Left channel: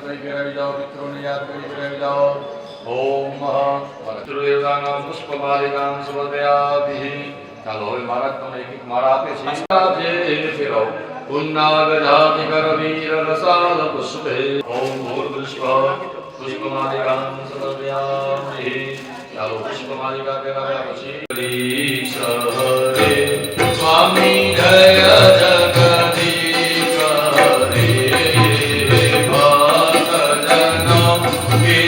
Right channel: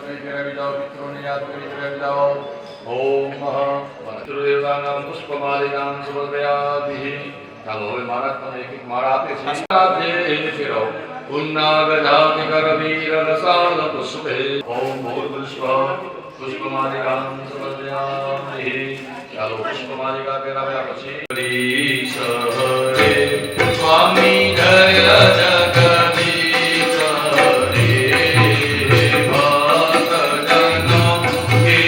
ચાલો હવે મહારાજ તમને એક એક માળા આપે છે. પુન્નાગજાતિ કરવીર રસાદ પુષ્પે ઓમ ભૂર્ભુષ્વ પુષ્પમાલિકાં સમર્પયામિ. ચાલો પુષ્પમાલિકા પહેરાવ્યા પછી હરે સ્વામી જય જગદીશ હરે ભક્તજનો કે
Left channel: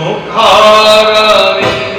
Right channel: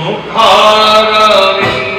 Mukharavinde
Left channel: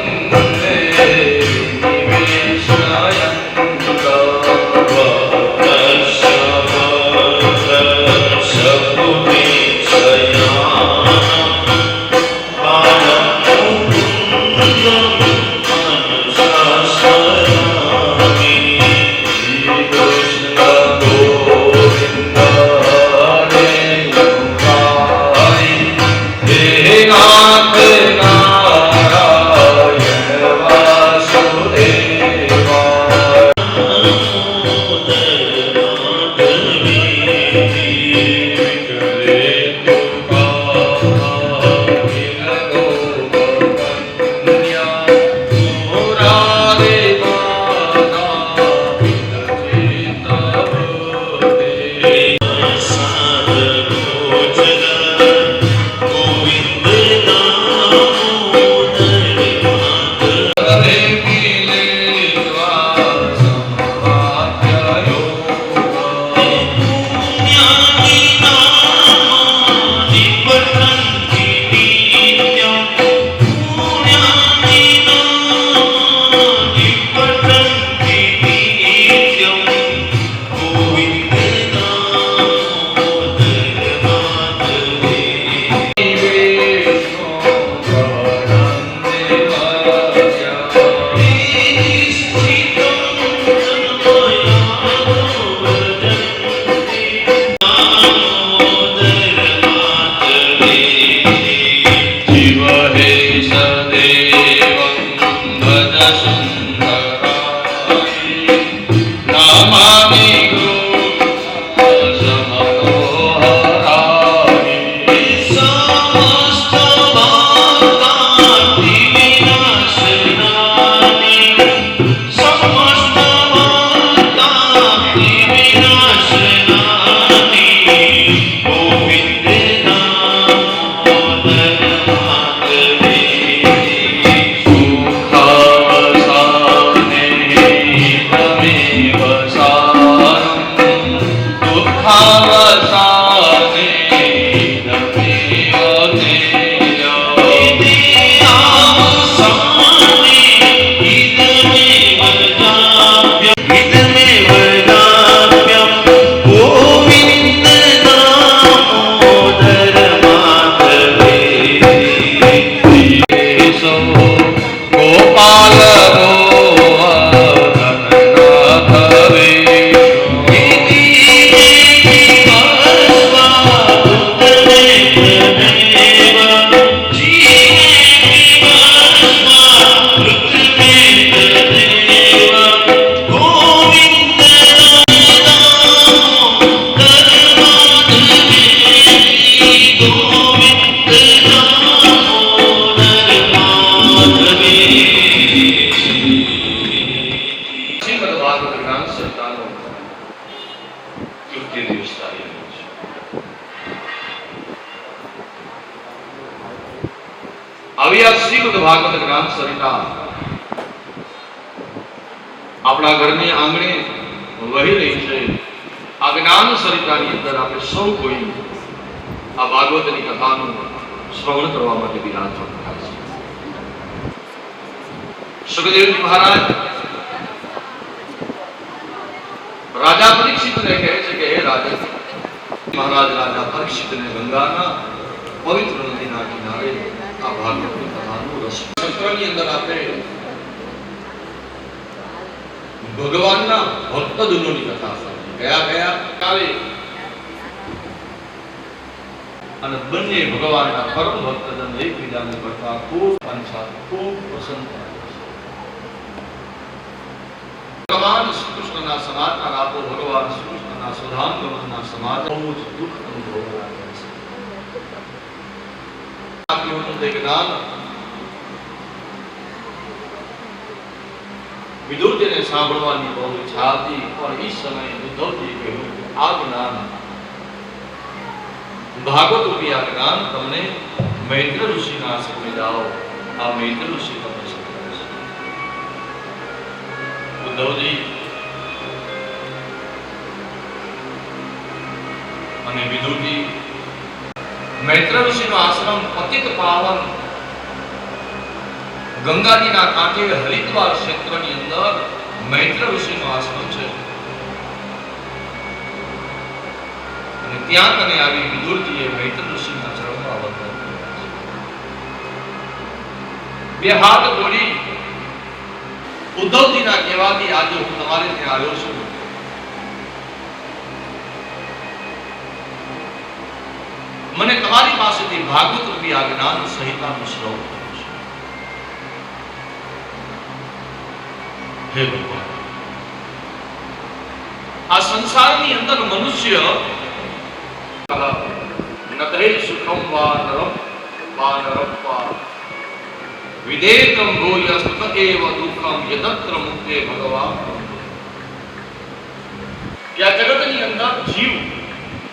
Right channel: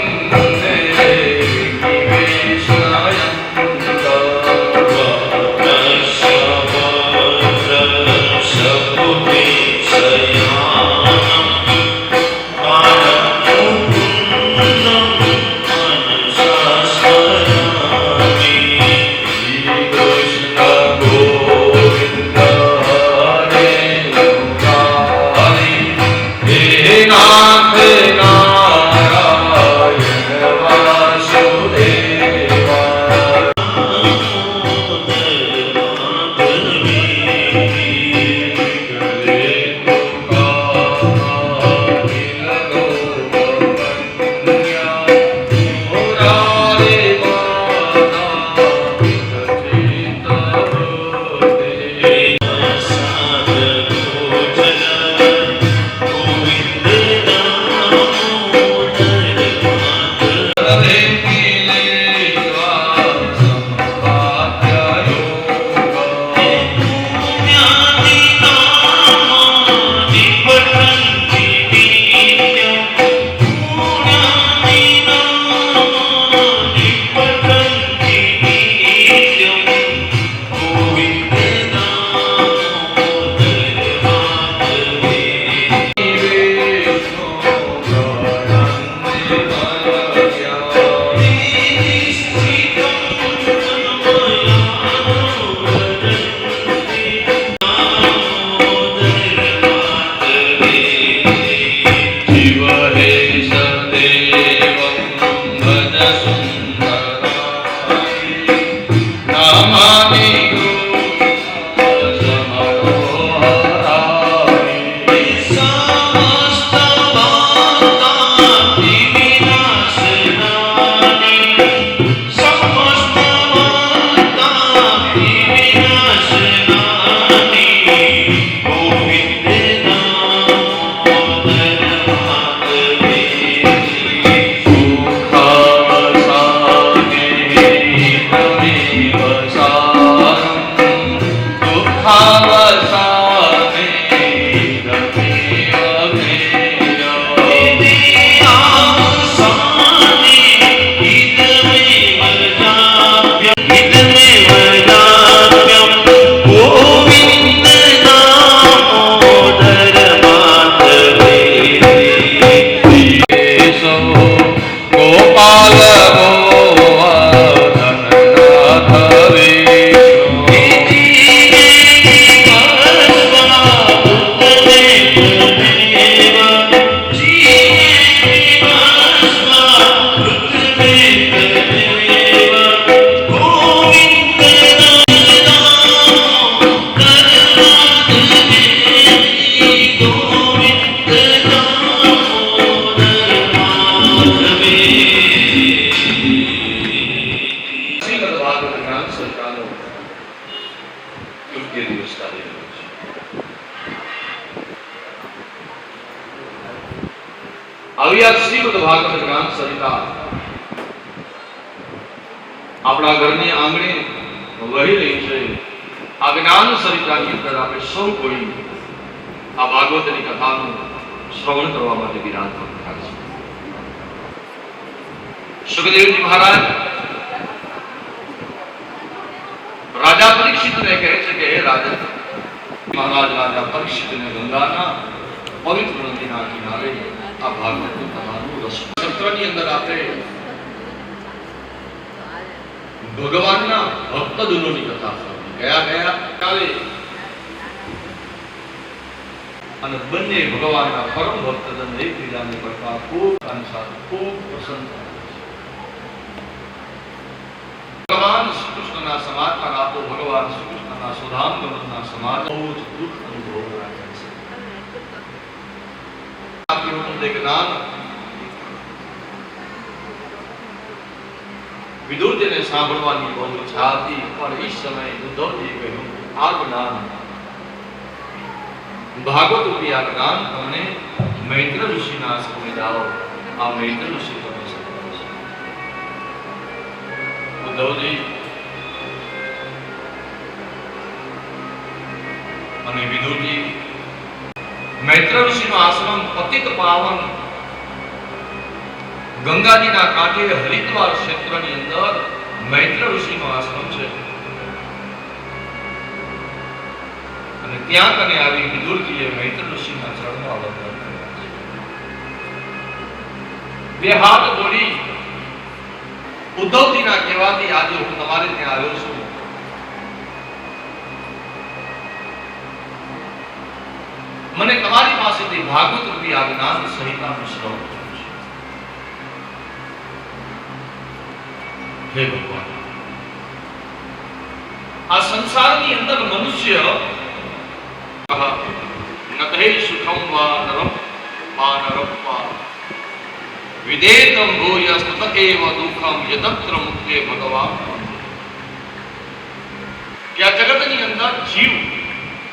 આવી આ શ્રીમદ ભાગવત ગ્રંથ સરિતા આપણા ઘરની આંગણે વહી રહી છે. આ જ્ઞાન સરિતાની અંદર આપણે સૌ કોઈ આ ભાગવતની કથાનું શ્રવણ કરવા માટે વિરાજમાન થાય છે. સુખદેવજી મહારાજ રાજા પરીક્ષિતને કહે છે કે હે રાજા, મહારાજ રાજા પરીક્ષિતને ગંગાના પવિત્ર નદીના કિનારે આ ભાગવતની કથાનું રસ સત્રની અંદર આપણે ભગવાનના ભક્તજનોની કથા ગયા કાલે અને બંને ભગવાનના પરમ ભક્તજન એકબીજાને કરતા ખૂબ અનુસાર ખૂબ પ્રસન્ન થાય છે. ભગવાન શ્રી કૃષ્ણના સમાચાર આપો, ભગવાન શ્રી કૃષ્ણના સુધામગમનના સમાચાર બહુ જ દુઃખ અનુભવ રાખે છે. જ્ઞાન વિદુરજીને સાંભળવાની બહુ ઈચ્છા હતી, પણ એ સમયે ઉદ્ધવજીએ કહ્યું આ જ્ઞાન ભાગવત રૂપી આ જ્ઞાન તમને મૈત્ર ઋષિના આશ્રમે જાઓ, આ મૈત્ર ઋષિ તમને સમજાવે છે. ઉદ્ધવજી અને વિદુરજી મૈત્ર ઋષિનો આશ્રમ પતિત પાવન ગંગાજીના કાંઠે હરિદ્વાર ક્ષેત્રની અંદર મૈત્ર ઋષિનો આશ્રમ છે. અને ત્યાં કને આવી વિદુરજીએ મૈત્ર ઋષિના ચરણમાં વંદન કર્યા. બે હાથ જોડી ઉદ્ધવજીના કહેવાથી આજે હું તમારે ત્યાં આવ્યો છું. મને તમારી પાસેથી ભાગવત રૂપી આ જ્ઞાન સહિતાનું શ્રવણ કરવું છે. હે ભગવાન, આ સંસારની અંદર મનુષ્ય નતહે સુખમ વા નરમ વા નરપ્પા વિદેતમ ભૂય સુત એવ દુઃખમ યતત્ર મુક્તે ભગવાન. કે આ જગતની અંદર જીવ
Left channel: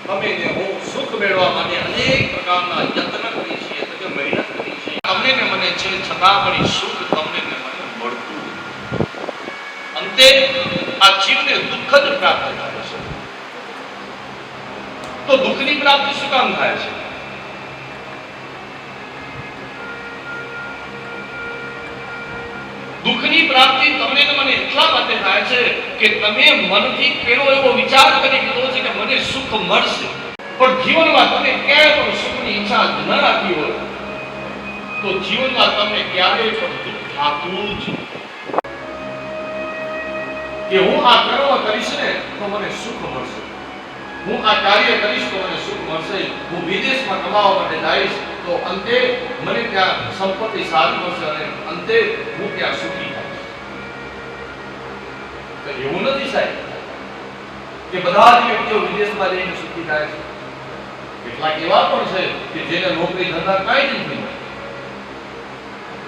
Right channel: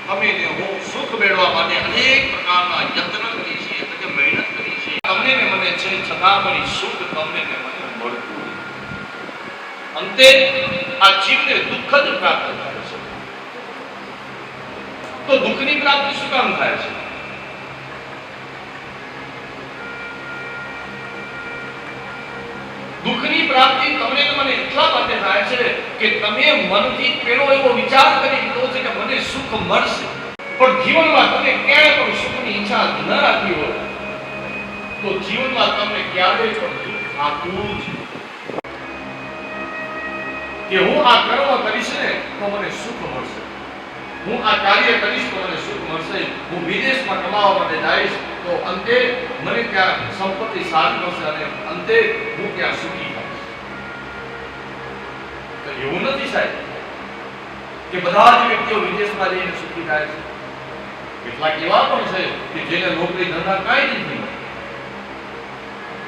તમે ને હું સુખ મેળવવા માટે અનેક પ્રકારના યત્ન કરી છે, એટલે કે મહેનત કરી છે. તમને ને મને છે છતાં પણ સુખ તમને ને મને મળતું. અંતે આ જીવને દુઃખ જ પ્રાપ્ત થાય છે. તો દુઃખની પ્રાપ્તિ શું કામ થાય છે? દુઃખની પ્રાપ્તિ તમને ને મને એટલા માટે થાય છે કે તમે મનથી પેલો એવો વિચાર કરી લીધો છે કે મને સુખ મળશે, પણ જીવનમાં તમે ક્યાંય પણ સુખની ઈચ્છા ન રાખી હોય તો જીવનમાં તમને ક્યારેય પણ દુઃખ થતું જ કે હું આ કર્મ કરીશ ને તો મને સુખ મળશે, હું આ કાર્ય કરીશ તો મને સુખ મળશે, હું વિદેશમાં કમાવા માટે જઈશ તો અંતે મને ત્યાં સંપત્તિ સારી મળશે અને અંતે હું ત્યાં સુખી થઈશ. તો એવું નથી સાહેબ કે બધા જ વ્યક્તિઓ વિદેશમાં જઈને સુખી થાય છે. કેટલાક એવા પણ છે કે જેને નોકરી ધંધા કાંઈ જ નથી મળતું.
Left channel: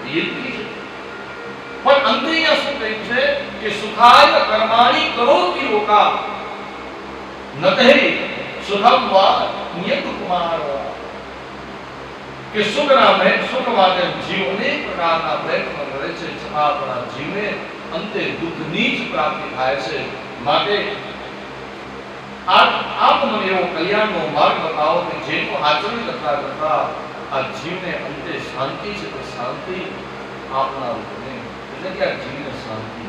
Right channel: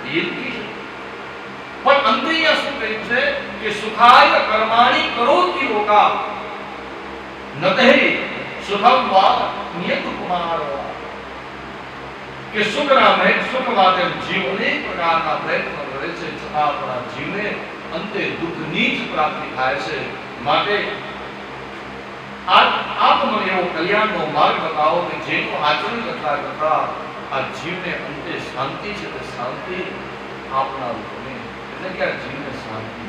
એ નથી છે. પણ અંતે અહીંયા શું કહ્યું છે કે સુખાય કર્માણી કરોતિ લોકા નતહે સુખમ વા નિયત કુમાર. કે સુખ માટે જીવ અનેક પ્રકારના પ્રયત્ન કરે છે, છતાં આપણા જીવને અંતે દુઃખની જ પ્રાપ્તિ થાય છે. માટે આપ મને એવો કલ્યાણનો માર્ગ બતાવો કે જેનું આચરણ કરતા કરતા આ જીવને અંતે શાંતિ છે તે શાંતિ આપનાર બને. એટલે કે આ જીવને શાંતિ.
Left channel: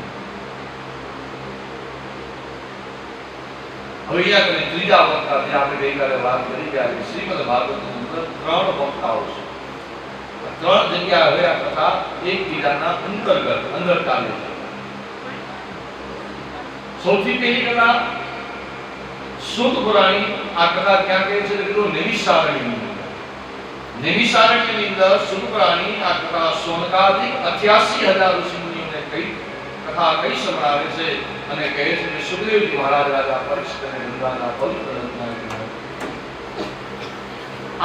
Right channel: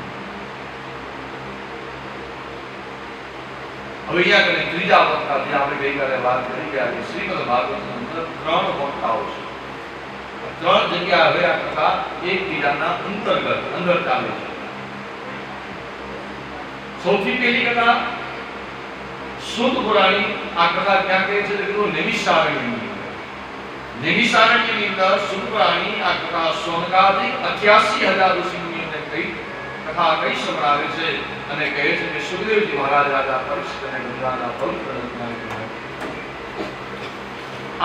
હવે અહીંયા કને ત્રીજા વક્તા જે આપણે ગઈકાલે વાત કરી ગયા કે શ્રીમદ ભાગવતની અંદર 3 વક્તાઓ છે. 3 જગ્યા હવે આ કથા એકબીજાના અંતર્ગત અંદર ચાલે છે. સૌથી પહેલી કથા સૂત પુરાણી. આ કથા ક્યાં કહે છે તો નૈમિષારણ્યની અંદર સૂત પુરાણી આ કથા સોનકાદિક 88,000 ઋષિમુનિઓને કઈ કથા કઈ સંભળાવે છે અને કહે છે કે સુખદેવજી મહારાજ રાજા પરીક્ષિત અને ગંગાના પવિત્ર નદીના કિનારે.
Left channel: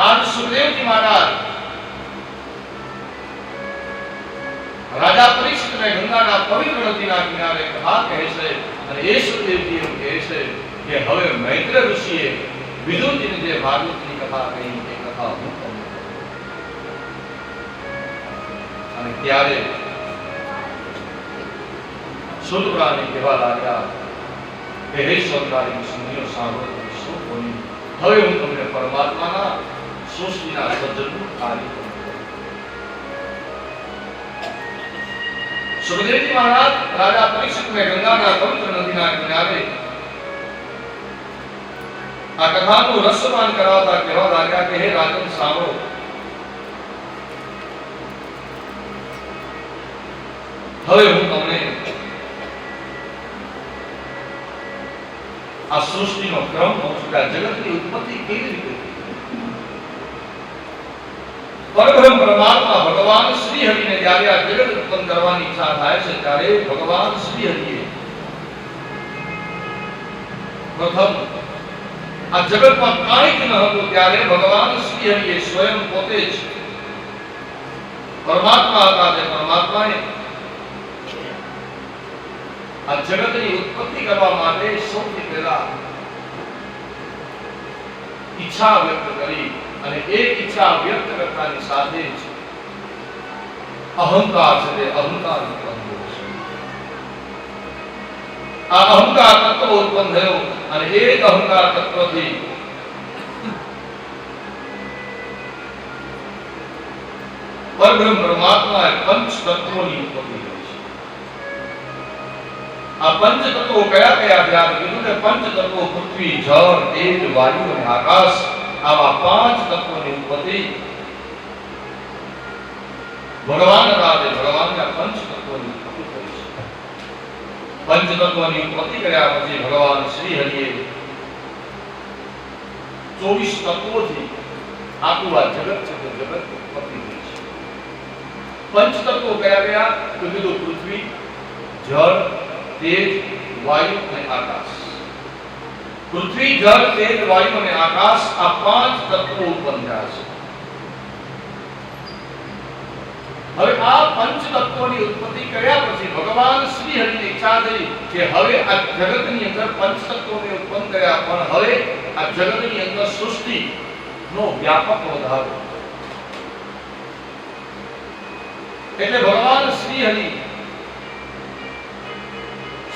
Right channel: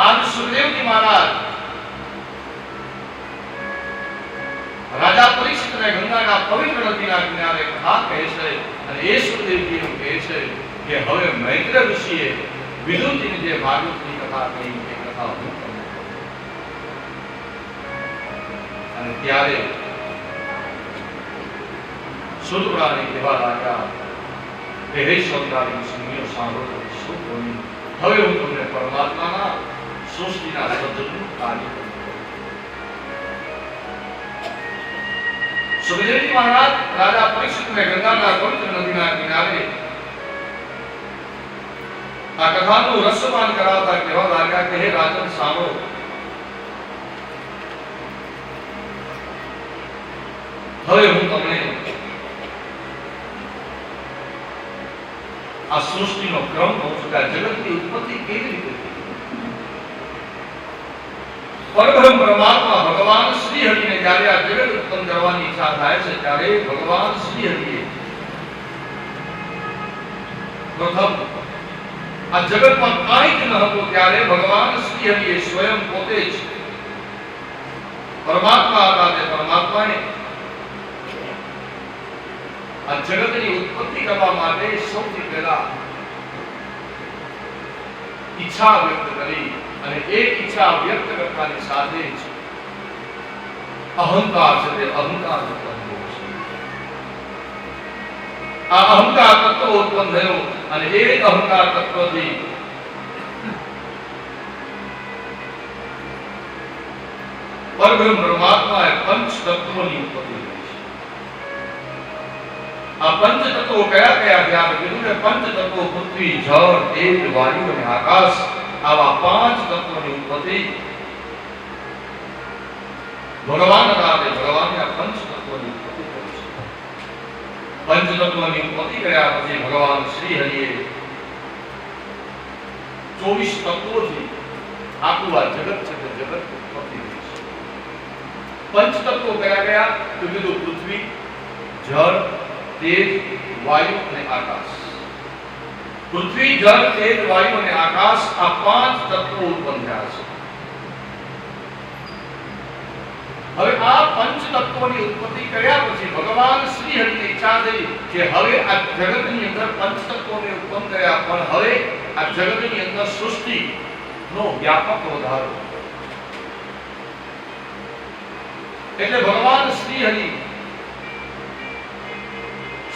આજ સુખદેવજી મહારાજ રાજા પરીક્ષિત અને ગંગાના પવિત્ર નદીના કિનારે કથા કહે છે અને એ સુખદેવજી એવું કહે છે કે હવે મૈત્ર ઋષિએ વિદુરજીને જે ભાગવતની કથા કહી એ કથા હું તમને કહું. અને ત્યારે સૂત પુરાણી કહેવા લાગ્યા કે હે સૌંદર્ય ઋષિમુનિઓ સાંભળો શું બોલી. હવે હું તમને પરમાત્માના સૃષ્ટિના સર્જનનું કાર્ય કરું. સુખદેવજી મહારાજ રાજા પરીક્ષિતને ગંગાના પવિત્ર નદીના કિનારે આ કથાનું રસપાન કરાવતા કહેવા લાગ્યા કે હે રાજન સાંભળો. હવે હું તમને આ સૃષ્ટિનો ક્રમ કહું છું કે આ જગતની ઉત્પત્તિ કેવી રીતે થઈ. પરબ્રહ્મ પરમાત્મા ભગવાન શ્રી હરિને જ્યારે આ જગત ઉત્પન્ન કરવાની ઈચ્છા થાય છે ત્યારે ભગવાન શ્રી હરિએ પ્રથમ આ જગતમાં કાંઈ જ ન હતું ત્યારે ભગવાન શ્રી હરિએ સ્વયં પોતે જ પરમાત્મા હતા તે પરમાત્માએ આ જગતની ઉત્પત્તિ કરવા માટે સૌથી પહેલા ઈચ્છા વ્યક્ત કરી અને એ ઈચ્છા વ્યક્ત કરતાની સાથે જ અહંકાર છે તે અહંકાર ઉત્પન્ન થયો છે. આ અહંકાર તત્વ ઉત્પન્ન થયો અને એ જ અહંકાર તત્વથી પરબ્રહ્મ પરમાત્માએ પંચ તત્વોની ઉત્પત્તિ કરી છે. આ પંચ તત્વો કયા કયા ધ્યાન કીધું કે પંચ તત્વો પૃથ્વી જળ તેજ વાયુ અને આકાશ આવા 5 તત્વોની ઉત્પત્તિ ભગવાન રાતે ભગવાનને આ પંચ તત્વોની ઉત્પત્તિ કરી છે. પંચ તત્વોની ઉત્પત્તિ કર્યા પછી ભગવાન શ્રી હરિએ 24 તત્વોથી આખું આ જગત છે તે જગત ઉત્પત્તિ કરી છે. પંચ તત્વો કયા કયા તો કીધું પૃથ્વી જળ તેજ વાયુ અને આકાશ. પૃથ્વી જળ તેજ વાયુ અને આકાશ આ 5 તત્વો ઉત્પન્ન થયા છે. હવે આ પંચ તત્વોની ઉત્પત્તિ કર્યા પછી ભગવાન શ્રી હરિની ઈચ્છા થઈ કે હવે આ જગતની અંદર પંચ તત્વોને ઉત્પન્ન કર્યા પણ હવે આ જગતની અંદર સૃષ્ટિ નો વ્યાપક વધારો. એટલે ભગવાન શ્રી હરિ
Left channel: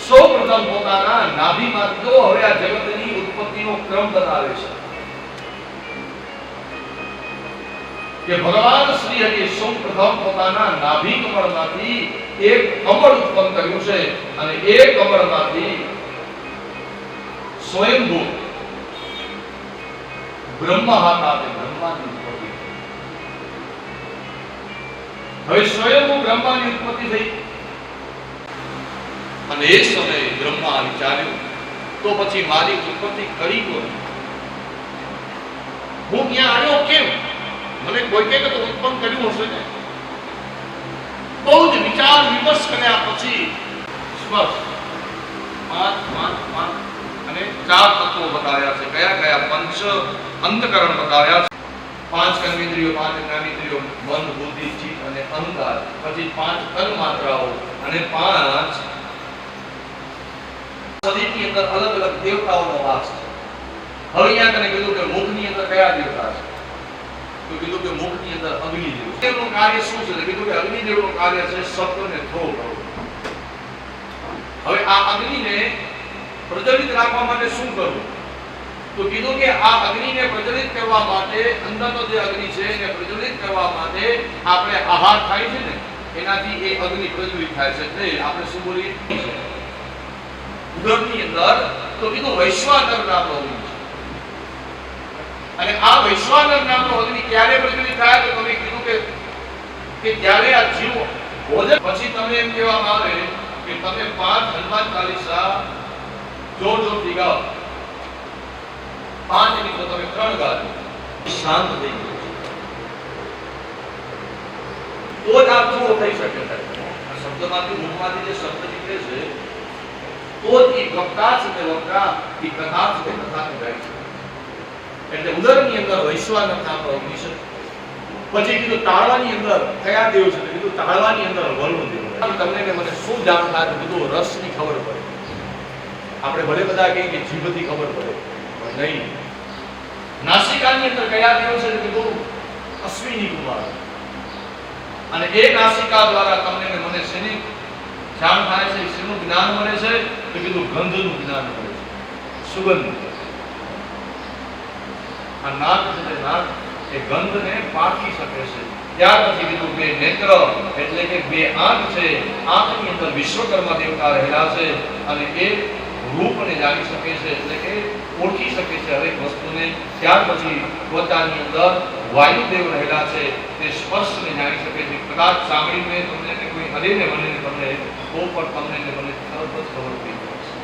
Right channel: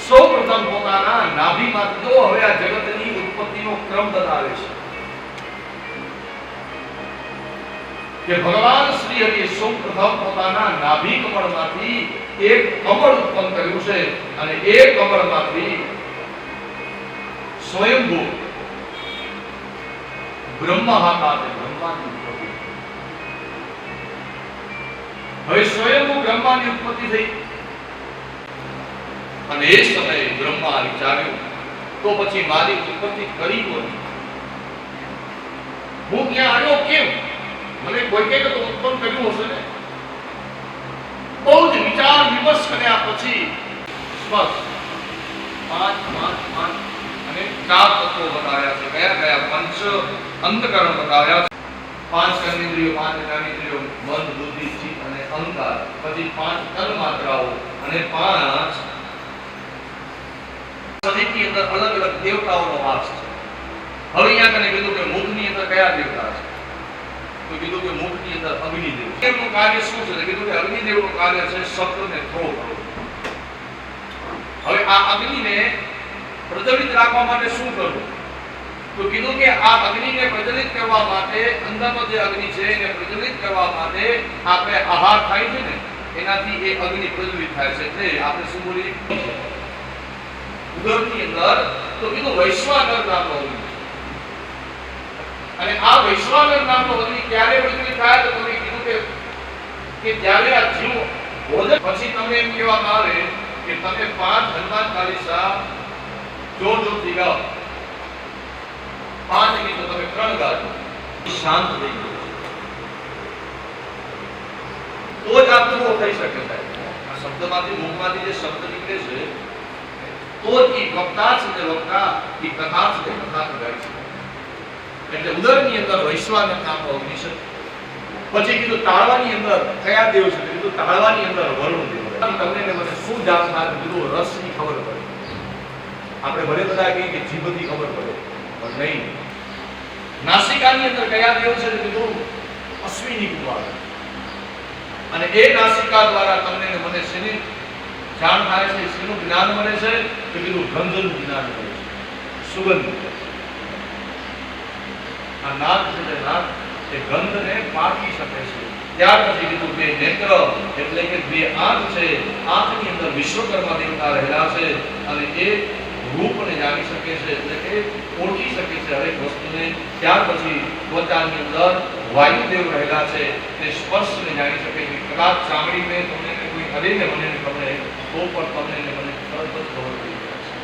સૌપ્રથમ પોતાના નાભીમાંથી જો હવે આ જગતની ઉત્પત્તિનો ક્રમ બતાવે છે કે ભગવાન શ્રી હરિએ સૌપ્રથમ પોતાના નાભી કમળમાંથી એક કમળ ઉત્પન્ન કર્યું છે અને એ કમળમાંથી સ્વયંભૂ બ્રહ્મા હતા તે બ્રહ્માની ઉત્પત્તિ. હવે સ્વયંભૂ બ્રહ્માની ઉત્પત્તિ થઈ અને એ સમયે બ્રહ્મા વિચાર્યું તો પછી મારી ઉત્પત્તિ કરી હોય હું ત્યાં આવ્યો કેમ? મને કોઈને તો ઉત્પન્ન કર્યું હશે ને. બહુ જ વિચાર વિમર્શ કર્યા પછી સ્પષ્ટ તત્વો બતાવ્યા છે, કયા કયા પંચ અંતકરણ બતાવ્યા છે. 5 કર્મેન્દ્રિયો, 5 જ્ઞાનેન્દ્રિયો, મન, બુદ્ધિ, ચિત્ત અને અહંકાર. પછી 5 તન માત્રાઓ અને 5 શરીરની અંદર અલગ અલગ દેવતાઓનો વાસ છે. હવે અહીંયા કને કીધું કે મુખની અંદર કયા દેવતા છે? તો કીધું કે મુખની અંદર અગ્નિદેવ છે. એનું કાર્ય શું છે? કીધું કે અગ્નિદેવનું કાર્ય છે શબ્દને થ્રો કરવો. હવે આ અગ્નિને પ્રજ્વલિત રાખવા માટે શું કરવું? તો કીધું કે આ અગ્નિને પ્રજ્વલિત કરવા માટે, અંદરનો જે અગ્નિ છે એને પ્રજ્વલિત કરવા માટે આપણે આહાર ખાય છે ને, એનાથી એ અગ્નિ પ્રજ્વલિત થાય છે. એટલે આપણે શું બોલીએ? ઉદરની અંદર તો કીધું વૈશ્વાનર નામનો અગ્નિ છે. અને આ વૈશ્વાનર નામનો અગ્નિ ક્યારે પ્રજ્વલિત થાય? તો તમે કીધું કે જ્યારે આ જીવ ભોજન પછી તમે એમ કહેવામાં આવે કે તમે 5 હનુમાન ચાલીસા જોરથી ગાઓ, 5 ગીતો તમે 3 ગાઓ, શાંત થઈ જાય તો જ આ પૂરો થઈ શકે. આ શબ્દમાંથી, મુખમાંથી જે શબ્દ નીકળે છે તો જ એ વક્તા છે તે વક્તા, એ કથા છે તે કથા કહેવાય છે. એટલે ઉદરની અંદર વૈશ્વાનર નામનો અગ્નિ છે. પછી કીધું તાળવાની અંદર કયા દેવ છે? તો કીધું તાળવાની અંદર વરુણ દેવ. તમને ને મને શું જાણ થાય? કીધું રસની ખબર પડે. આપણે ભલે બધા કહીએ કે જીભથી ખબર પડે, પણ નહીં. નાસિકાની અંદર કયા દેવ છે? કીધું અશ્વિની કુમાર. અને એ નાસિકા દ્વારા તમને ને મને શેની જાણ થાય છે? શેનું જ્ઞાન મળે છે? તો કીધું ગંધનું જ્ઞાન મળે છે, સુગંધ. આ નાક છે તે નાક એ ગંધને પારખી શકે છે. ત્યાર પછી કીધું કે નેત્ર એટલે કે 2 આંખ છે. આંખની અંદર વિશ્વકર્મા દેવતા રહેલા છે અને એ રૂપને જાણી શકે છે, એટલે કે ઓળખી શકે છે હરેક વસ્તુને. ત્યાર પછી ત્વચાની અંદર વાયુદેવ રહેલા છે, તે સ્પર્શને જાણી શકે છે. કદાચ સાંભળીને તમને કોઈ હરેને મને તમને તો પણ તમને ને મને તરત જ ખબર પડી જાય છે.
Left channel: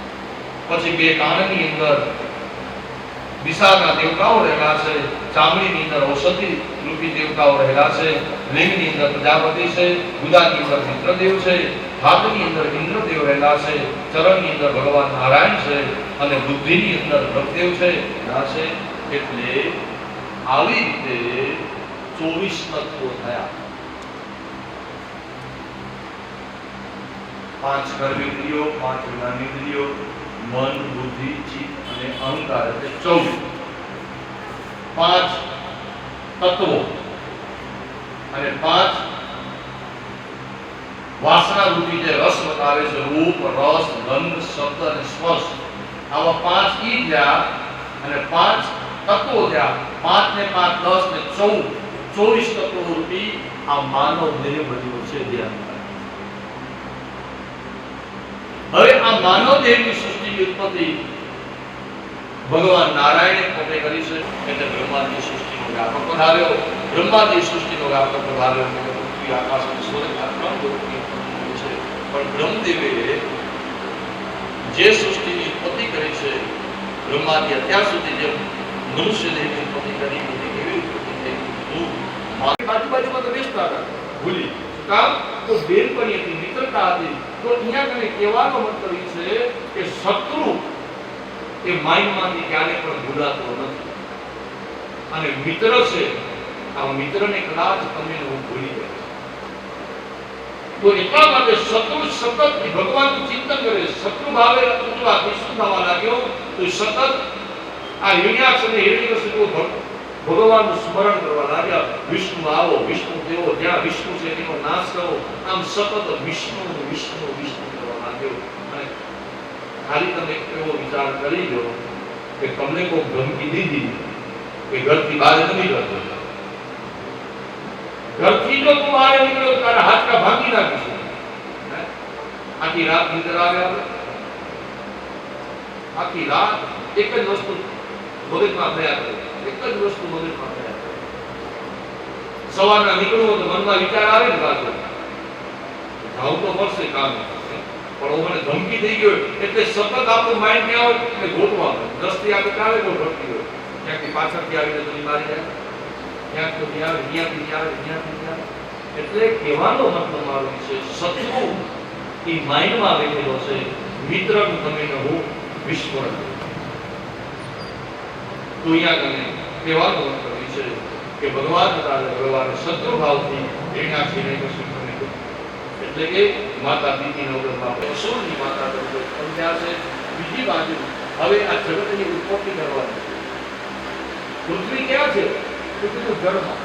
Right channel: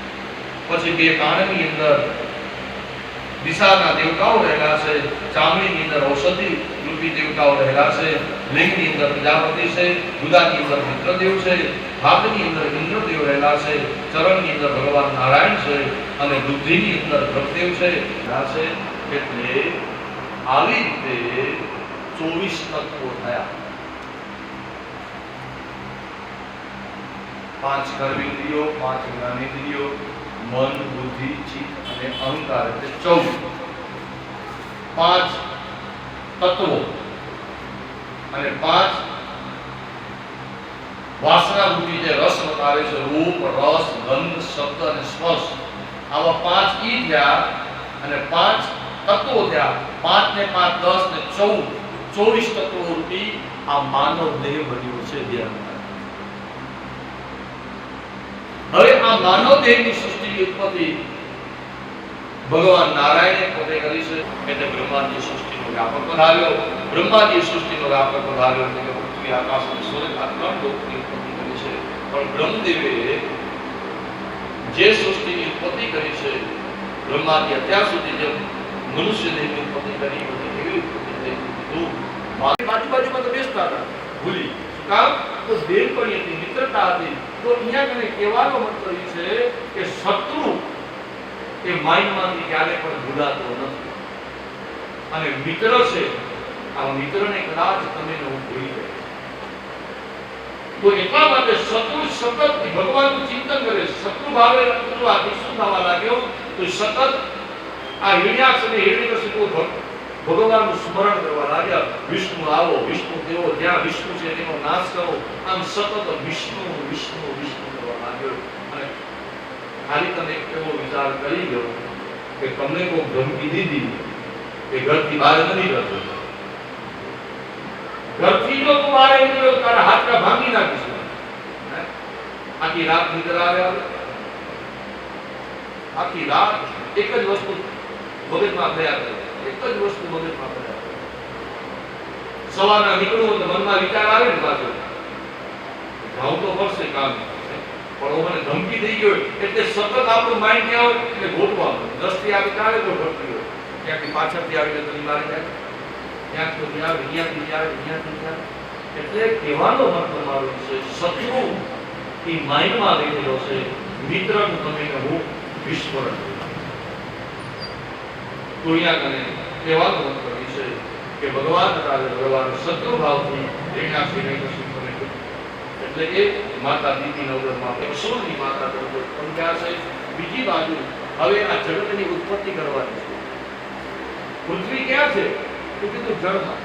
પછી 2 કાનની અંદર દિશાના દેવતાઓ રહેલા છે. ચામડીની અંદર ઔષધિ રૂપી દેવતાઓ રહેલા છે. લિંગની અંદર પ્રજાપતિ છે. ગુદાની અંદર ઇન્દ્રદેવ છે. હાથની અંદર ઇન્દ્રદેવ રહેલા છે. ચરણની અંદર ભગવાન નારાયણ છે અને બુદ્ધિની અંદર ભગદેવ છે. એટલે આવી રીતે 24 તત્વો થયા. 5 કર્મેન્દ્રિયો, 5 જ્ઞાનેન્દ્રિયો, મન, બુદ્ધિ, ચિત્ત અને અહંકાર, એટલે 14. 5 તત્વો અને 5 વાસના રૂપી જે રસ બતાવે છે, રૂપ, રસ, ગંધ, શબ્દ અને સ્પર્શ. આવા 5 ઈ થયા અને 5 તત્વો થયા. 5 ને 5 10 ને 24 તત્વો રૂપી આ માનવ દેહ બન્યો છે. ધ્યાન. હવે આ માનવ દેહની સૃષ્ટિની ઉત્પત્તિ ભગવાન નારાયણે પોતે કરી છે. એટલે બ્રહ્માજી સૃષ્ટિનો વ્યાપક બનાવ્યો. બ્રહ્માજી સૃષ્ટિનો વ્યાપક બનાવ્યો એટલે પૃથ્વી, આકાશ અને સૂર્ય આ 3 લોકની ઉત્પત્તિ કરી છે. પણ બ્રહ્મદેવે જે સૃષ્ટિની ઉત્પત્તિ કરી છે, બ્રહ્માજી અત્યાર સુધી જે મનુષ્ય દેહની ઉત્પત્તિ કરી હતી, એવી ઉત્પત્તિ થઈ. બાજુમાં તો બેસતા હતા, ભૂલી કામ તો દેવપણી હતી, મિત્રતા હતી. તો અહીંયા કને કહેવાનો મતલબ એ છે કે શત્રુ એ માઇન્ડમાંથી ક્યારે પણ ભૂલાતો નથી. અને મિત્ર છે, આ મિત્રને કદાચ તમે હું ભૂલી ગયો. તો એટલા માટે શત્રુ સતત ભગવાનનું ચિંતન કરે. શત્રુ ભાવે આથી શું થવા લાગ્યો? તો સતત આ હિરણ્યાક્ષ અને હિરણ્યકશિપુ ભગવાનનું સ્મરણ કરવા લાગ્યા. વિષ્ણુ આવો, વિષ્ણુ દેવો, જ્યાં વિષ્ણુ છે તેનો નાશ કરો. આમ સતત વિષ્ણુ વિષ્ણુ વિષ્ણુ કરવા લાગ્યો. અને ખાલી તમે એવો વિચાર કરી લો કે તમને કોઈ ધમકી દીધી કે ઘરથી બહાર નથી કરતો, ઘરથી જો તું બહાર નીકળ્યો તારા હાથકા ભાંગી નાખીશું. આખી રાત નિંદર આવે. આખી રાત એક જ વસ્તુ મગજમાં થયા કરે. એક જ વસ્તુ મગજમાં થયા કરે. સવારના નીકળવું તો મનમાં વિચાર આવે ને પાછો જાવું તો પડશે કામ, પણ મને ધમકી થઈ ગયો એટલે સતત આપણું માઇન્ડ ને આવે એટલે ગોતવાનું. દ્રષ્ટિ આવી કાઢે તો ભટકી ગયો, ક્યાંથી પાછળથી આવીને તો મારી જાય, ક્યાંક તો આવે, અહીંયાથી આવે, અહીંયાથી આવે. એટલે કહેવાનો મતલબ મારો છે શત્રુ એ માઇન્ડમાં રહેલો છે. મિત્રનું તમે હું વિસ્મરણ. તો અહીંયા કને કહેવાનો મતલબ એ છે કે ભગવાન ભગવાન શત્રુ ભાવથી એના સિવાય કશું તમે એટલે કે માતા દીદી નવગ્રહમાં અસુરની માતા તરીકે સમજ્યા છે. બીજી બાજુ હવે આ જગતની ઉત્પત્તિ કરવાની છે. પૃથ્વી ક્યાં છે? તો કીધું જળમાં.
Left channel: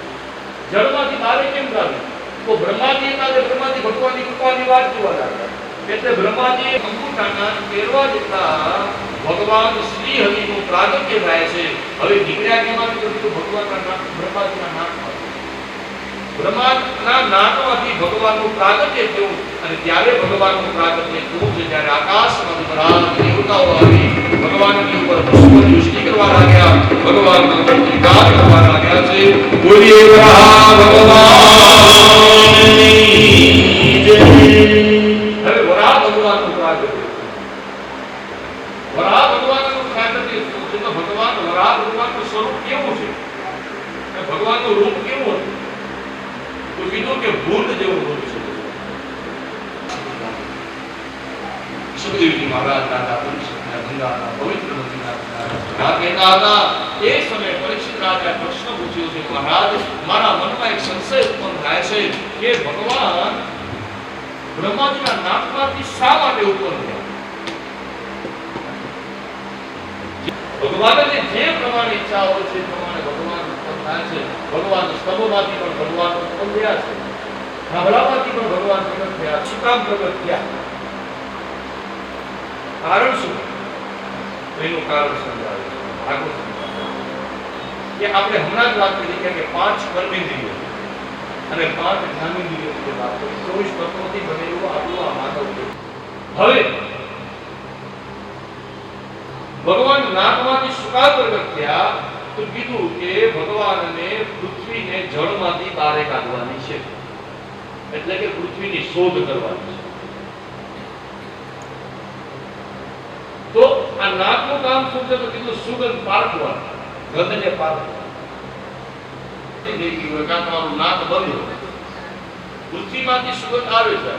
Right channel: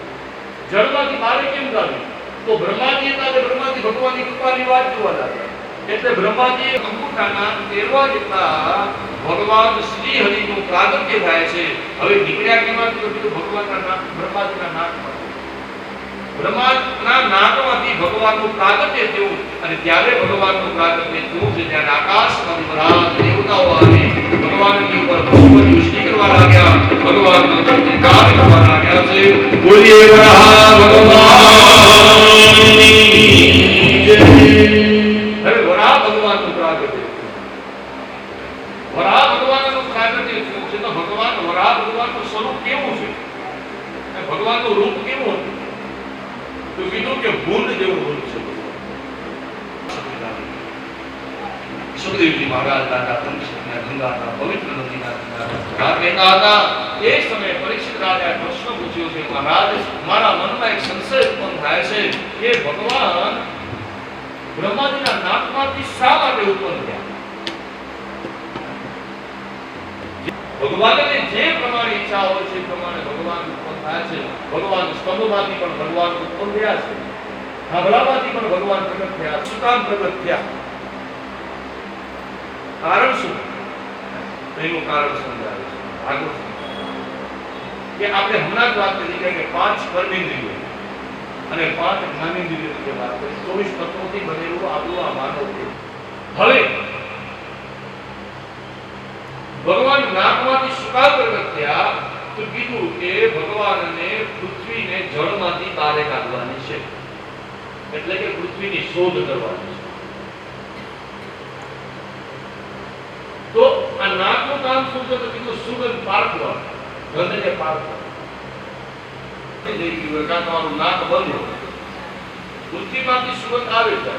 જળમાંથી બહાર કેમ આવી? તો બ્રહ્માજી હતા, બ્રહ્માજી ભગવાનની કૃપાની વાત જોવા લાગ્યા. એટલે બ્રહ્માજી અંગૂઠાના પહેરવા જેટલા ભગવાન શ્રી હરિનું પ્રાગટ્ય થાય છે. હવે નીકળ્યા કેમાંથી? તો ભગવાનના બ્રહ્માજીના નાકમાંથી. બ્રહ્માના નાકમાંથી ભગવાનનું પ્રાગટ્ય થયું અને ત્યારે ભગવાનનું પ્રાગટ્ય થયું છે ત્યારે આકાશમાં બધા દેવતાઓ આવી ભગવાનની ઉપર પુષ્પની વૃષ્ટિ કરવા લાગ્યા. ભગવાનનો જયકાર કરવા લાગ્યા છે. બોલીએ ભગવાનની જય. હવે વરાહ ભગવાનનું પ્રાગટ્ય વરાહ ભગવાનનું પ્રાગટ્ય થયું છે. તો ભગવાન વરાહ ભગવાનનું સ્વરૂપ કેવું છે? ભગવાનનું રૂપ કેવું હતું? તો કીધું કે ભૂત જેવું રૂપ છે. સુખદેવજી મહારાજ દાદા પરીક્ષિતના ગંગાના પવિત્ર નદીના કહેતા હતા. એ સમયે પરીક્ષિત રાજાએ પ્રશ્ન પૂછ્યો છે, મહારાજ મારા મનમાં એક સંશય ઉત્પન્ન થાય છે કે ભગવાન બ્રહ્માજીના નાકમાંથી શા માટે ઉત્પન્ન થયા? ભગવાનને જે પ્રમાણે ઈચ્છા હોય છે પ્રમાણે ભગવાન ઉત્પન્ન થાય છે. ભગવાન સ્તંભમાંથી પણ ભગવાન ઉત્પન્ન થયા છે. ધાબળામાંથી પણ ભગવાન પ્રગટ થયા. શું કામ પ્રગટ થયા? કારણ શું? એનું કારણ સમજાવે છે ભાગવત કે આપણે હમણાં જ વાત કરી કે 5 કર્મેન્દ્રિયો અને 5 જ્ઞાનેન્દ્રિયોની વાત કરી. 24 તત્વોથી બનેલું આપણું આ માનવ છે. હવે ભગવાન નાકમાંથી શું કામ પ્રગટ થયા? તો કીધું કે ભગવાનને પૃથ્વીને જળમાંથી બહાર કાઢવાની છે. એટલે કે પૃથ્વીની શોધ કરવાની છે. તો આ નાકનું કામ શું છે? તો કીધું સુગંધ પારખવા, ગંધને પારખવા. તમારું નાક બંધ હોય, પૃથ્વીમાંથી સુગંધ આવે છે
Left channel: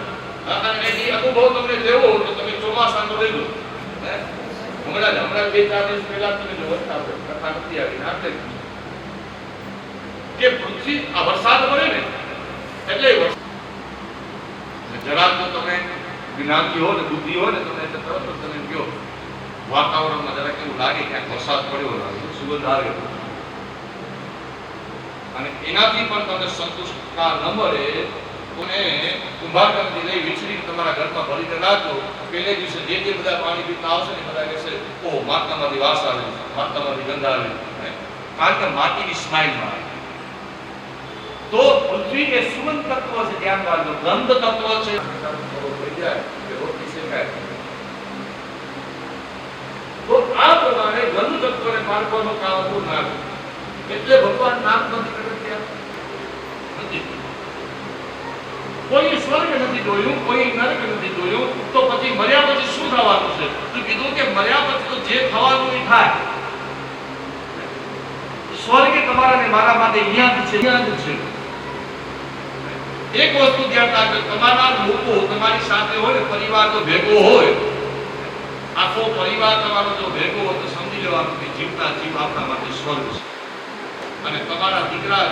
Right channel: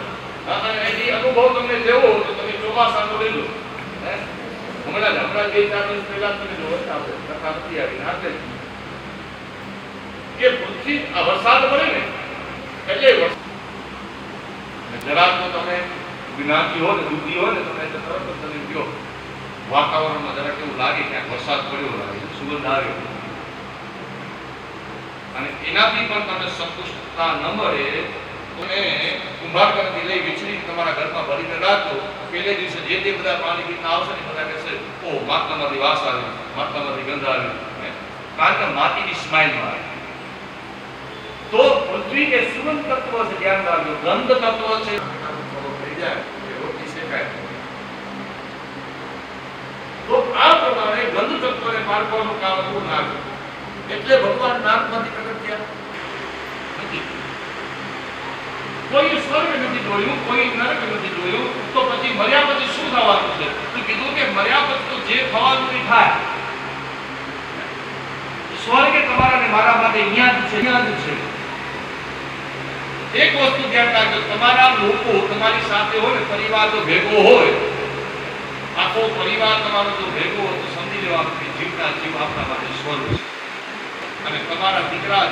અને એની અનુભવ તમને લેવો તો તમે ચોમાસાનો લઈ લો. હમણાં 2-4 દિવસ પહેલા તમે જો આપણે કથા નથી આવી નાખે કે પૃથ્વી આ વરસાદ પડે ને એટલે જરા તો તમે જ્ઞાની હો ને બુદ્ધિ હો ને તમે તરત તમે કહો વાતાવરણમાં જરા કેવું લાગે ક્યાંક વરસાદ પડ્યો લાગે, સુગંધ આવે અને એનાથી પણ તમને સંતુષ્ટતા ન મળે અને કુંભારકામથી લઈ વીજળી તમારા ઘરમાં ભરીને રાખો. પહેલે દિવસે જે બધા પાણી પીતા આવશે ને બધા કહેશે ઓહ માટલામાંથી વાસ આવે, માટલામાંથી ગંધ આવે, કારણ કે માટીની સ્માઇલમાં આવે. તો પૃથ્વી કે સુગંધ તત્વ છે, ધ્યાન રાખજો. ગંધ તત્વ છે થઈ જાય કે રોટલી શેકાય. તો આ પ્રમાણે ગંધ તત્વને પારખવાનું કામ હતું નાક. એટલે ભગવાન નાકમાંથી પ્રગટ થયા નથી. કોઈ સ્વર્ગ નથી જોયું, કોઈ નરક નથી જોયું. તો પછી મર્યા પછી શું થવાનું છે? તો કીધું કે મર્યા પછી તો જે થવાનું એ થાય. સ્વર્ગ તમારા ને મારા માટે અહીંયા જ છે, અહીંયા જ છે. એક વસ્તુ ધ્યાન રાખજો, તમારા લોકો તમારી સાથે હોય ને, પરિવાર જો ભેગો હોય, આખો પરિવાર તમારો જો ભેગો હોય તો સમજી લેવાનું કે જીવતા જીવ આપણા માટે સ્વર્ગ છે. અને તમારા દીકરા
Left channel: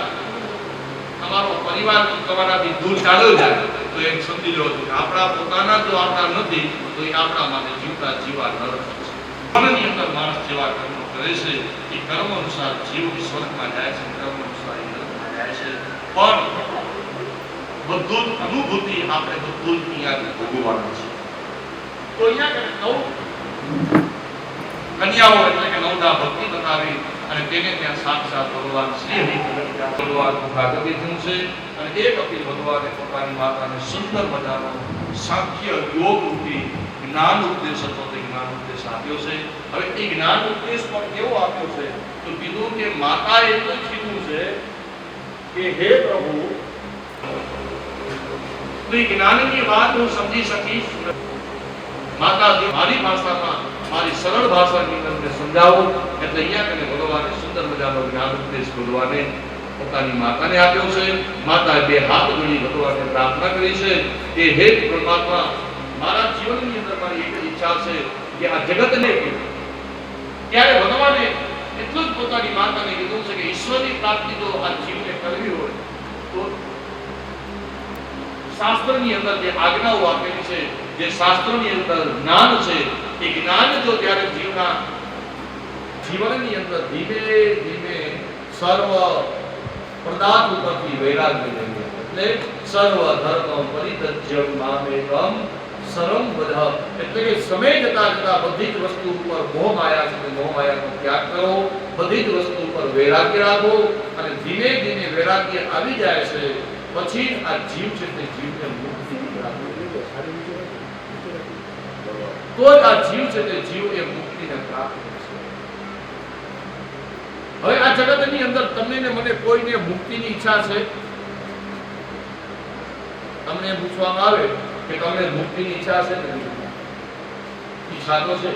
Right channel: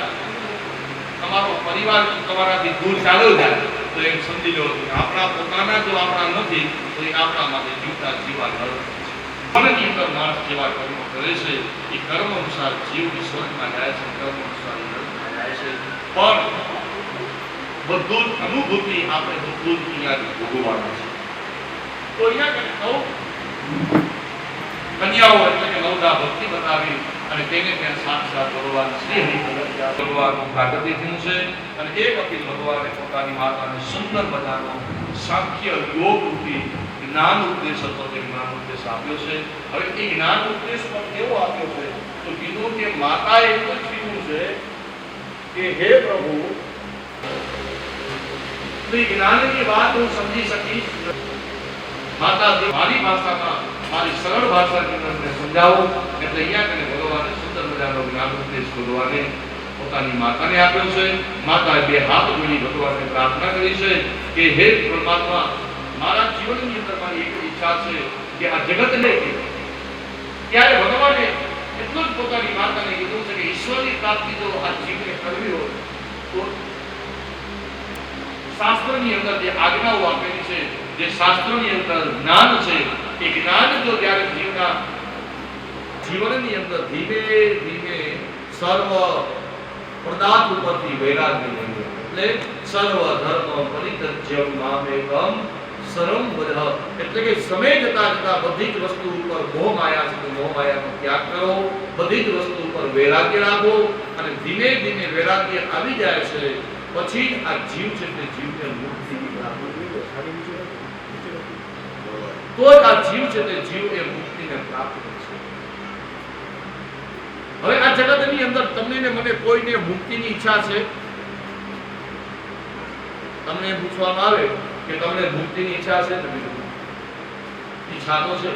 તમારો પરિવાર તમારાથી દૂર ચાલ્યો જાય તો એમ સમજી લો કે આપણા પોતાના જો આપણા નથી તો એ આપણા માટે જીવતા જીવા નરક છે. મનની અંદર માણસ જેવા કર્મો કરે છે એ કર્મ અનુસાર જીવ સ્વર્ગમાં જાય છે, કર્મ અનુસાર એ નરકમાં જાય છે. પણ બધું અનુભૂતિ આપણે બધું જ અહીંયા ભોગવવાનું છે. તો અહીંયા કન્યાઓ એટલે કે નવદા ભક્તિ બતાવી અને તેને ત્યાં સાક્ષાત ભગવાન શ્રી હરિ ભગવાનનું પ્રાગટ્ય થયું છે. અને એક અપીલ ભગવાને પોતાની માતાને સુંદર મજાનો સાંખ્ય યોગ રૂપી જ્ઞાન ઉપદેશ હતો, તે જ્ઞાન ઉપદેશ આપ્યો છે. હવે એ જ્ઞાન ઉપદેશ પણ કેવો આપ્યો છે? તો કીધું કે માતાએ એટલું જ કીધું છે કે હે પ્રભુ તો એ જ્ઞાનની વાત હું સમજી શકીશ. માતા મારી ભાષામાં, મારી સરળ ભાષાની અંદર સમજાવો. એટલે અહીંયા કને ભગવાને સુંદર મજાનો જ્ઞાન ઉપદેશ ભગવાને પોતાની માતાને આપ્યો છે. માતાએ 2 હાથ જોડી ભગવાનને પ્રાર્થના કરી છે કે હે પરમાત્મા, મારા જીવનની અંદર મારી એક ઈચ્છા છે કે આ જગતને ત્યારે ભગવાને એટલું જ પોતાની માતાને કીધું છે કે ઈશ્વરની પ્રાપ્તિ જો આ જીવને કરવી હોય તો શાસ્ત્રની અંદર જે આજ્ઞાઓ આપેલી છે, જે શાસ્ત્રોની અંદર જ્ઞાન છે, એ જ્ઞાન જો ત્યારે જીવનની અંદર ધીમે ધીમે સર્વ પદાર્થ ઉપરથી વૈરાગ્ય લઈએ, એટલે સર્વ ધર્મ પરિત્યજ્ય મામેકમ શરમ વધ, એટલે કે સમય જતા જતા બધી જ વસ્તુ ઉપર મોહ માયા છે, મોહ માયાનો ત્યાગ કરો, બધી જ વસ્તુ ઉપર વૈરાગ્ય રાખો, અને ધીમે ધીમે વૈરાગ્ય આવી જાય છે પછી આ જીવ છે તે જીવને મુક્તિ પ્રાપ્ત તો જ આ જીવ છે તે જીવ એ મુક્તિને પ્રાપ્ત કરશે. હવે આ જગતની અંદર તમને ને મને કોઈને મુક્તિની ઈચ્છા છે? તમને એમ પૂછવામાં આવે કે તમને મુક્તિની ઈચ્છા છે? નથી. ઈચ્છા તો છે,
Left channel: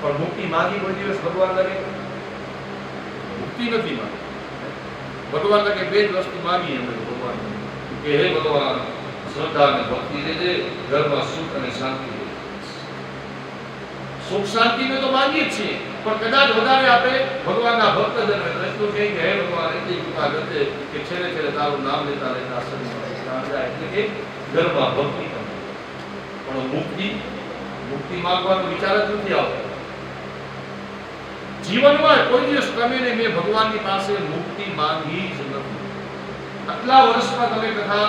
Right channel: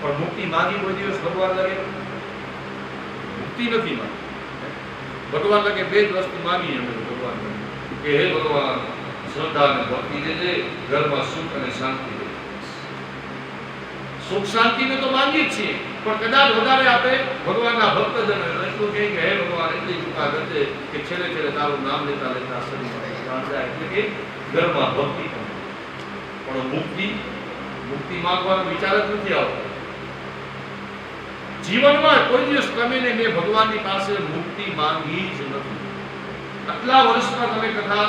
પણ મુક્તિ માંગી કોઈ દિવસ ભગવાન લાગે? મુક્તિ નથી માંગી. ભગવાન લાગે બે જ વસ્તુ માંગી અમે ભગવાન કે હે ભગવાન શ્રદ્ધા અને ભક્તિ દેજે, ઘરમાં સુખ અને શાંતિ દે. સુખ શાંતિને તો માંગીએ જ છીએ, પણ કદાચ વધારે આપણે ભગવાનના ભક્તજન એટલું કહે કે હે ભગવાન એટલી કૃપા કરજે કે છેલ્લે છેલ્લે તારું નામ લેતા લેતા શરીરમાં જાય, એટલે કે ઘરમાં ભક્તિ કરે. પણ મુક્તિ માંગવાનો વિચાર જ નથી આવતો. જીવનમાં કોઈ દિવસ તમે ને મેં ભગવાનની પાસે મુક્તિ માંગી જ નથી. આટલા વર્ષમાં તમે કથા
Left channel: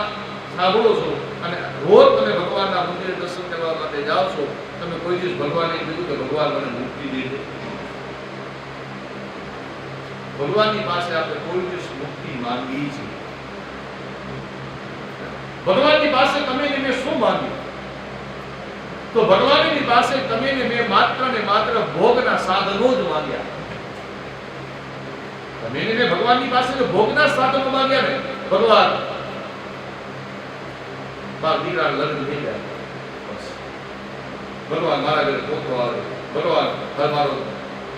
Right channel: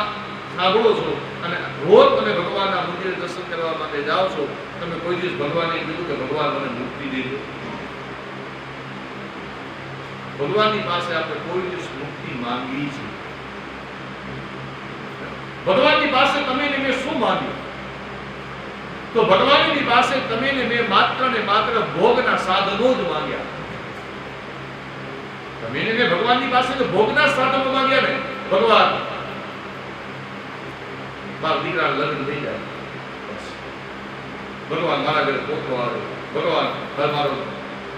સાંભળો છો અને રોજ તમે ભગવાનના મંદિરે દર્શન કરવા માટે જાઓ છો, તમે કોઈ દિવસ ભગવાનને કીધું કે ભગવાન મને મુક્તિ દેજો? ભગવાનની પાસે આપણે કોઈ દિવસ મુક્તિ માંગી છે? ભગવાનની પાસે તમે ને મેં શું માંગ્યું? તો ભગવાનની પાસે તમે ને મેં માત્ર ને માત્ર ભોગના સાધનો જ માંગ્યા. તમે ને મેં ભગવાનની પાસે તો ભોગના સાધનો માંગ્યા ને. ભગવાન મારા દીકરાને લગ્ન થઈ જાય, બસ. ભગવાન મારા ઘરે પોતો આવે, ભગવાન મારો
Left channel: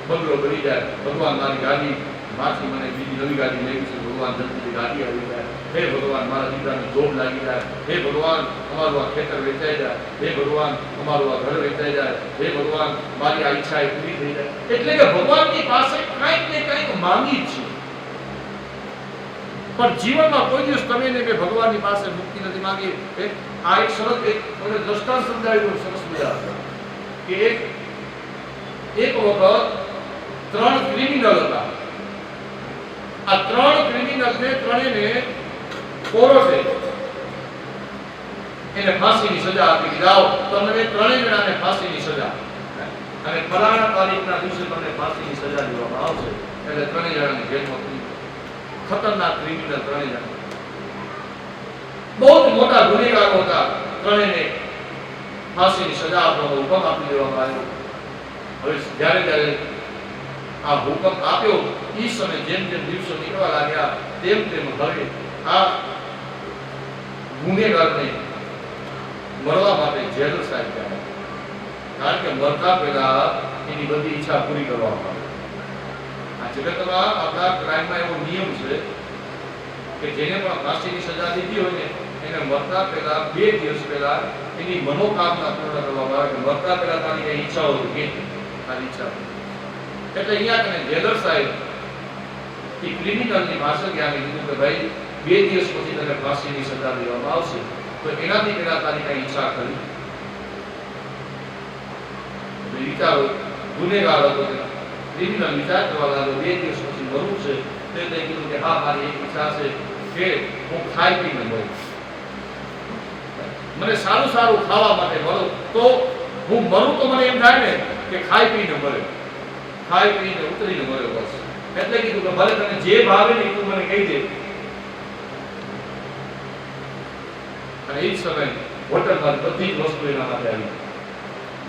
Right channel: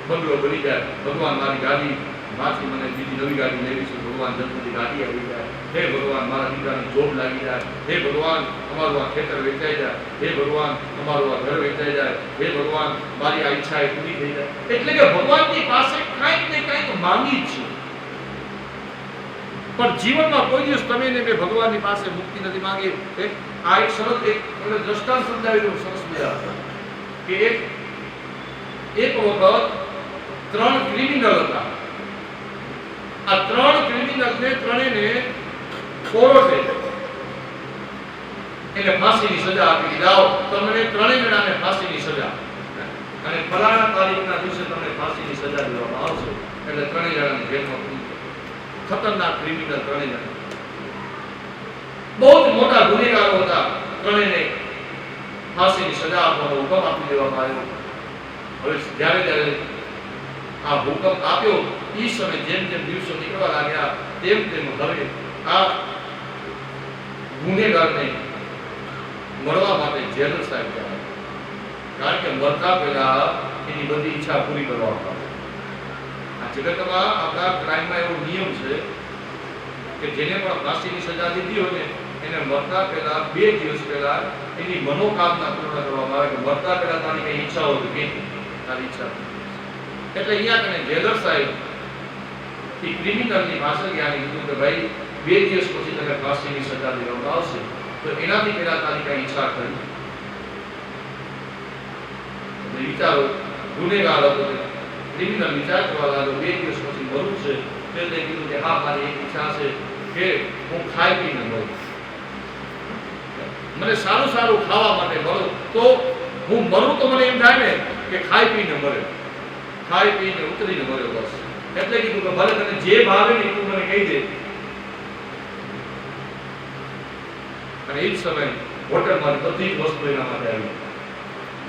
બંગલો બની જાય, ભગવાન મારી ગાડી માથી મને બીજી નવી ગાડી લેવી છે, ભગવાન જલ્દીથી ગાડી આવી જાય, હે ભગવાન મારા દીકરાની જોબ લાગી જાય, હે ભગવાન અમારું આ ખેતર વેચાઈ જાય, હે ભગવાન અમારું આ ઘર વેચાઈ જાય, હે ભગવાન મારી આ ઈચ્છા એ પૂરી થઈ જાય. એટલે કે ભગવાનની પાસે કંઈક ને કંઈક માંગી જ છે. પણ જીવનમાં કોઈ દિવસ તમે ને મેં ભગવાનની પાસે મુક્તિ નથી માંગી. આ એક સરસ એક દ્રષ્ટાંત સમજાવેલું સરસ મજા કે એક વખત 3 ક્રિમિનલ હતા. આ 3 ક્રિમિનલને ત્રણેયને કોર્ટે એને ફાંસીની સજા આપી, જાઓ તમને ત્રણેય જણાને ફાંસીની સજા, અને ફલાણા તારીખના દિવસે તમને ફાંસીની સજા દેવામાં આવશે. એટલે ત્રણેય જણાને જેલમાં પૂરી. ખતરનાક ક્રિમિનલ ત્રણેય જણા, બહુ જ મોટા ગુનેગારો હતા. ત્રણેયને ફાંસીની સજા આપવાનો હુકમ આપી દેવામાં આવ્યો. હવે જ્યારે આ હુકમ આપ્યો એ સમય જેમ જેમ દિવસો નીકળવા લાગ્યા તેમ તેમ હવે આ ગુનેગારને મરવા માટે જેલર સાહેબ ગયા, કારણ કે મરતા પહેલા એની બધી ઈચ્છા પૂરી કરવામાં આવે. આ જગતમાં આપણા ક્રાઇમમાં એવો નિયમ છે કે જેને પણ ફાંસીની સજા દીધી હોય ને એને મરતા પહેલા 2 દિવસ પહેલા એની મનોકામના પૂર્ણ કરવામાં આવે કે મરતા પહેલા તારી કઈ ઈચ્છા હોય કે તારી ઈચ્છા. એટલે અહીંયા તમે જેલર સાહેબ એ ક્રિમિનલની પાસે ગયા અને કીધું કે ભાઈ 2 દિવસ પછી તને ફાંસીની સજા દેવામાં આવશે, તો એનાથી પહેલા તારી કઈ ઈચ્છા કરી? વિચારો, ગુનેગાર હતો ક્રિમિનલ વિચાર કરવા લાગ્યો 2 દિવસ પછી મરવું છે. તે કીધું કે હા મારી એક ઈચ્છા છે કે હું ખાઈ પીને મરું, મને સારું સારું ખાવા માટે મળો, તો હું મરું તો મને એમ થાય ને કે ખાઈ પીને મરે, ખાઈ પીને ઉતરીને મર્યો બસ. એટલે કીધું કે ભલે તને જે ભાવે ને તું મને કહી દે. અને એ જ સમય હોટલમાં બધી જ વસ્તુ એના માટે આવી.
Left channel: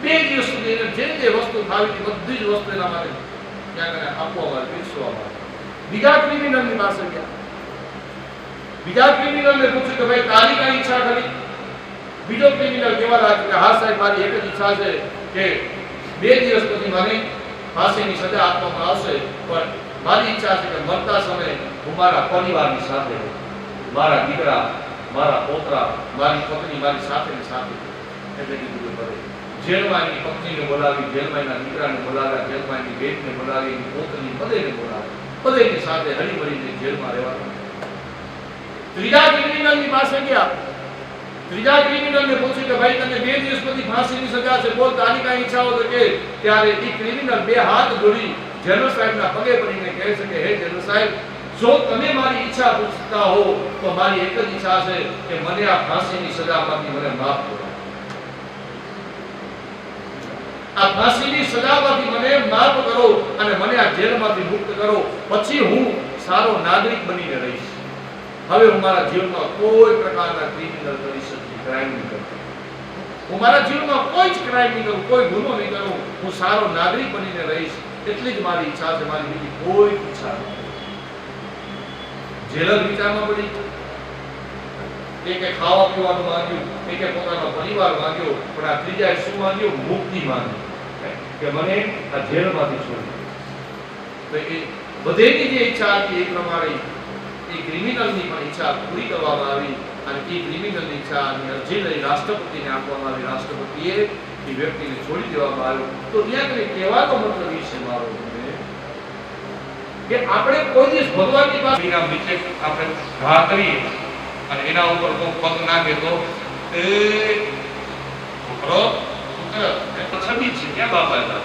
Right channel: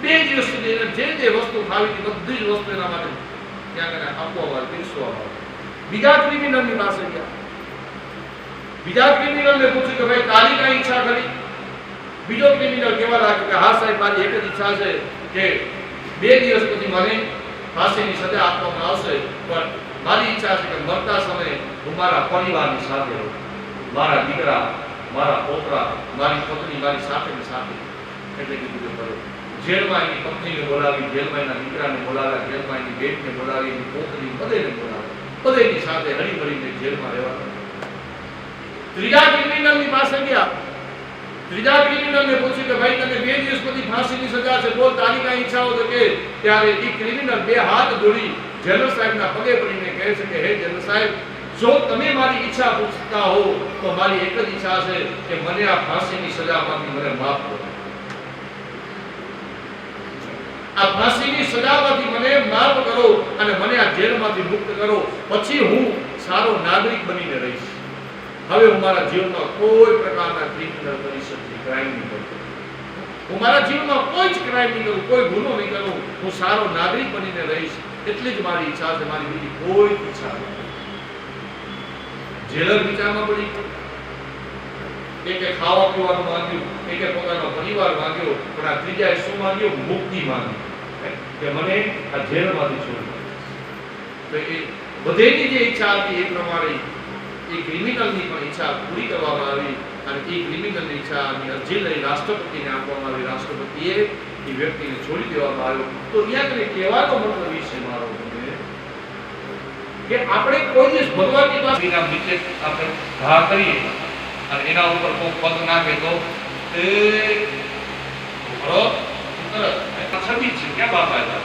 2 દિવસ સુધી જે વસ્તુ ખાવી હતી બધી જ વસ્તુ એના માટે ત્યાં કને આપવામાં આવી, પીરસવામાં આવી. બીજા ક્રિમિનલની પાસે ગયા. બીજા ક્રિમિનલને પૂછ્યું કે ભાઈ તારી કઈ ઈચ્છા ખરી? બીજો ક્રિમિનલ કહેવા લાગ્યો કે હા સાહેબ મારી એક જ ઈચ્છા છે કે 2 દિવસ પછી મને ફાંસીની સજા આપવામાં આવશે, પણ મારી ઈચ્છા છે કે મરતા સમયે હું મારા પરિવારની સાથે રહું, મારા દીકરા, મારા પોતરા, મારી પત્ની મારી સાથે ને સાથે. એટલે કીધું કે ભલે જેલમાં એની પત્નીને બોલાવી, જેલમાં એના દીકરાને બોલાવ્યા, જેલમાં એની બેનને બોલાવી, એની પોતરી બધેને બોલાવી, બધેની સાથે હળી મળીને જેલમાં રહેવા. ત્રીજા ક્રિમિનલની પાસે ગયા. ત્રીજા ક્રિમિનલને પૂછ્યું કે ભાઈ તને 2 દિવસ પછી ફાંસીની સજા છે, બોલ તારી કાંઈ ઈચ્છા હોય તો કે. ત્યારે એ ક્રિમિનલ 2 હાથ જોડી જેલર સાહેબના પગે પડીને કહે છે કે હે જેલર સાહેબ, જો તમે મારી ઈચ્છા પૂછતા હો તો મારી એક જ ઈચ્છા છે કે મને આ ફાંસીની સજામાંથી મને માફ કરો. આ ફાંસીની સજામાંથી મને માફ કરો અને મને આ જેલમાંથી મુક્ત કરો, પછી હું સારો નાગરિક બનીને રહીશ. હવે હું મારા જીવનમાં કોઈ પ્રકારના ક્રિમિનલ પરિસ્થિતિ ક્રાઇમ નહીં કરું. હું મારા જીવનમાં કોઈ જ ક્રાઇમ નહીં કરું, કોઈ ગુનો નહીં કરું. હું સારો નાગરિક બનીને રહીશ, એટલી જ મારી ઈચ્છા છે, મારી બીજી કોઈ ઈચ્છા નથી. જેલર વિચારમાં પડી. એકે ખાવા પીવાનું માંગ્યું, એકે પોતાનો પરિવાર માંગ્યો, પણ આ ત્રીજાએ શું માંગ્યું? મુક્તિ માંગી કે મને આ જેલમાંથી છોડી. તો એ બધેની જે ઈચ્છા હતી એ પ્રમાણે એ ક્રિમિનલની પણ ઈચ્છા પૂરી કરવામાં આવી અને એ ક્રિમિનલની ઈચ્છાની અરજી લઈ રાષ્ટ્રપતિને આપવામાં આવી. રાષ્ટ્રપતિએ એ વ્યક્તિને છોડી દેવામાં આવ્યો. તો અહીંયા કને કહેવાનો મતલબ એ છે મારો કે આપણે કોઈ દિવસ ભગવાનની પાસે નીચે આપણે ઘા કરીએ અને એના ઉપર કોઈ પગ નાખે તો એ છબી છે ક્યાં બાપા હતા.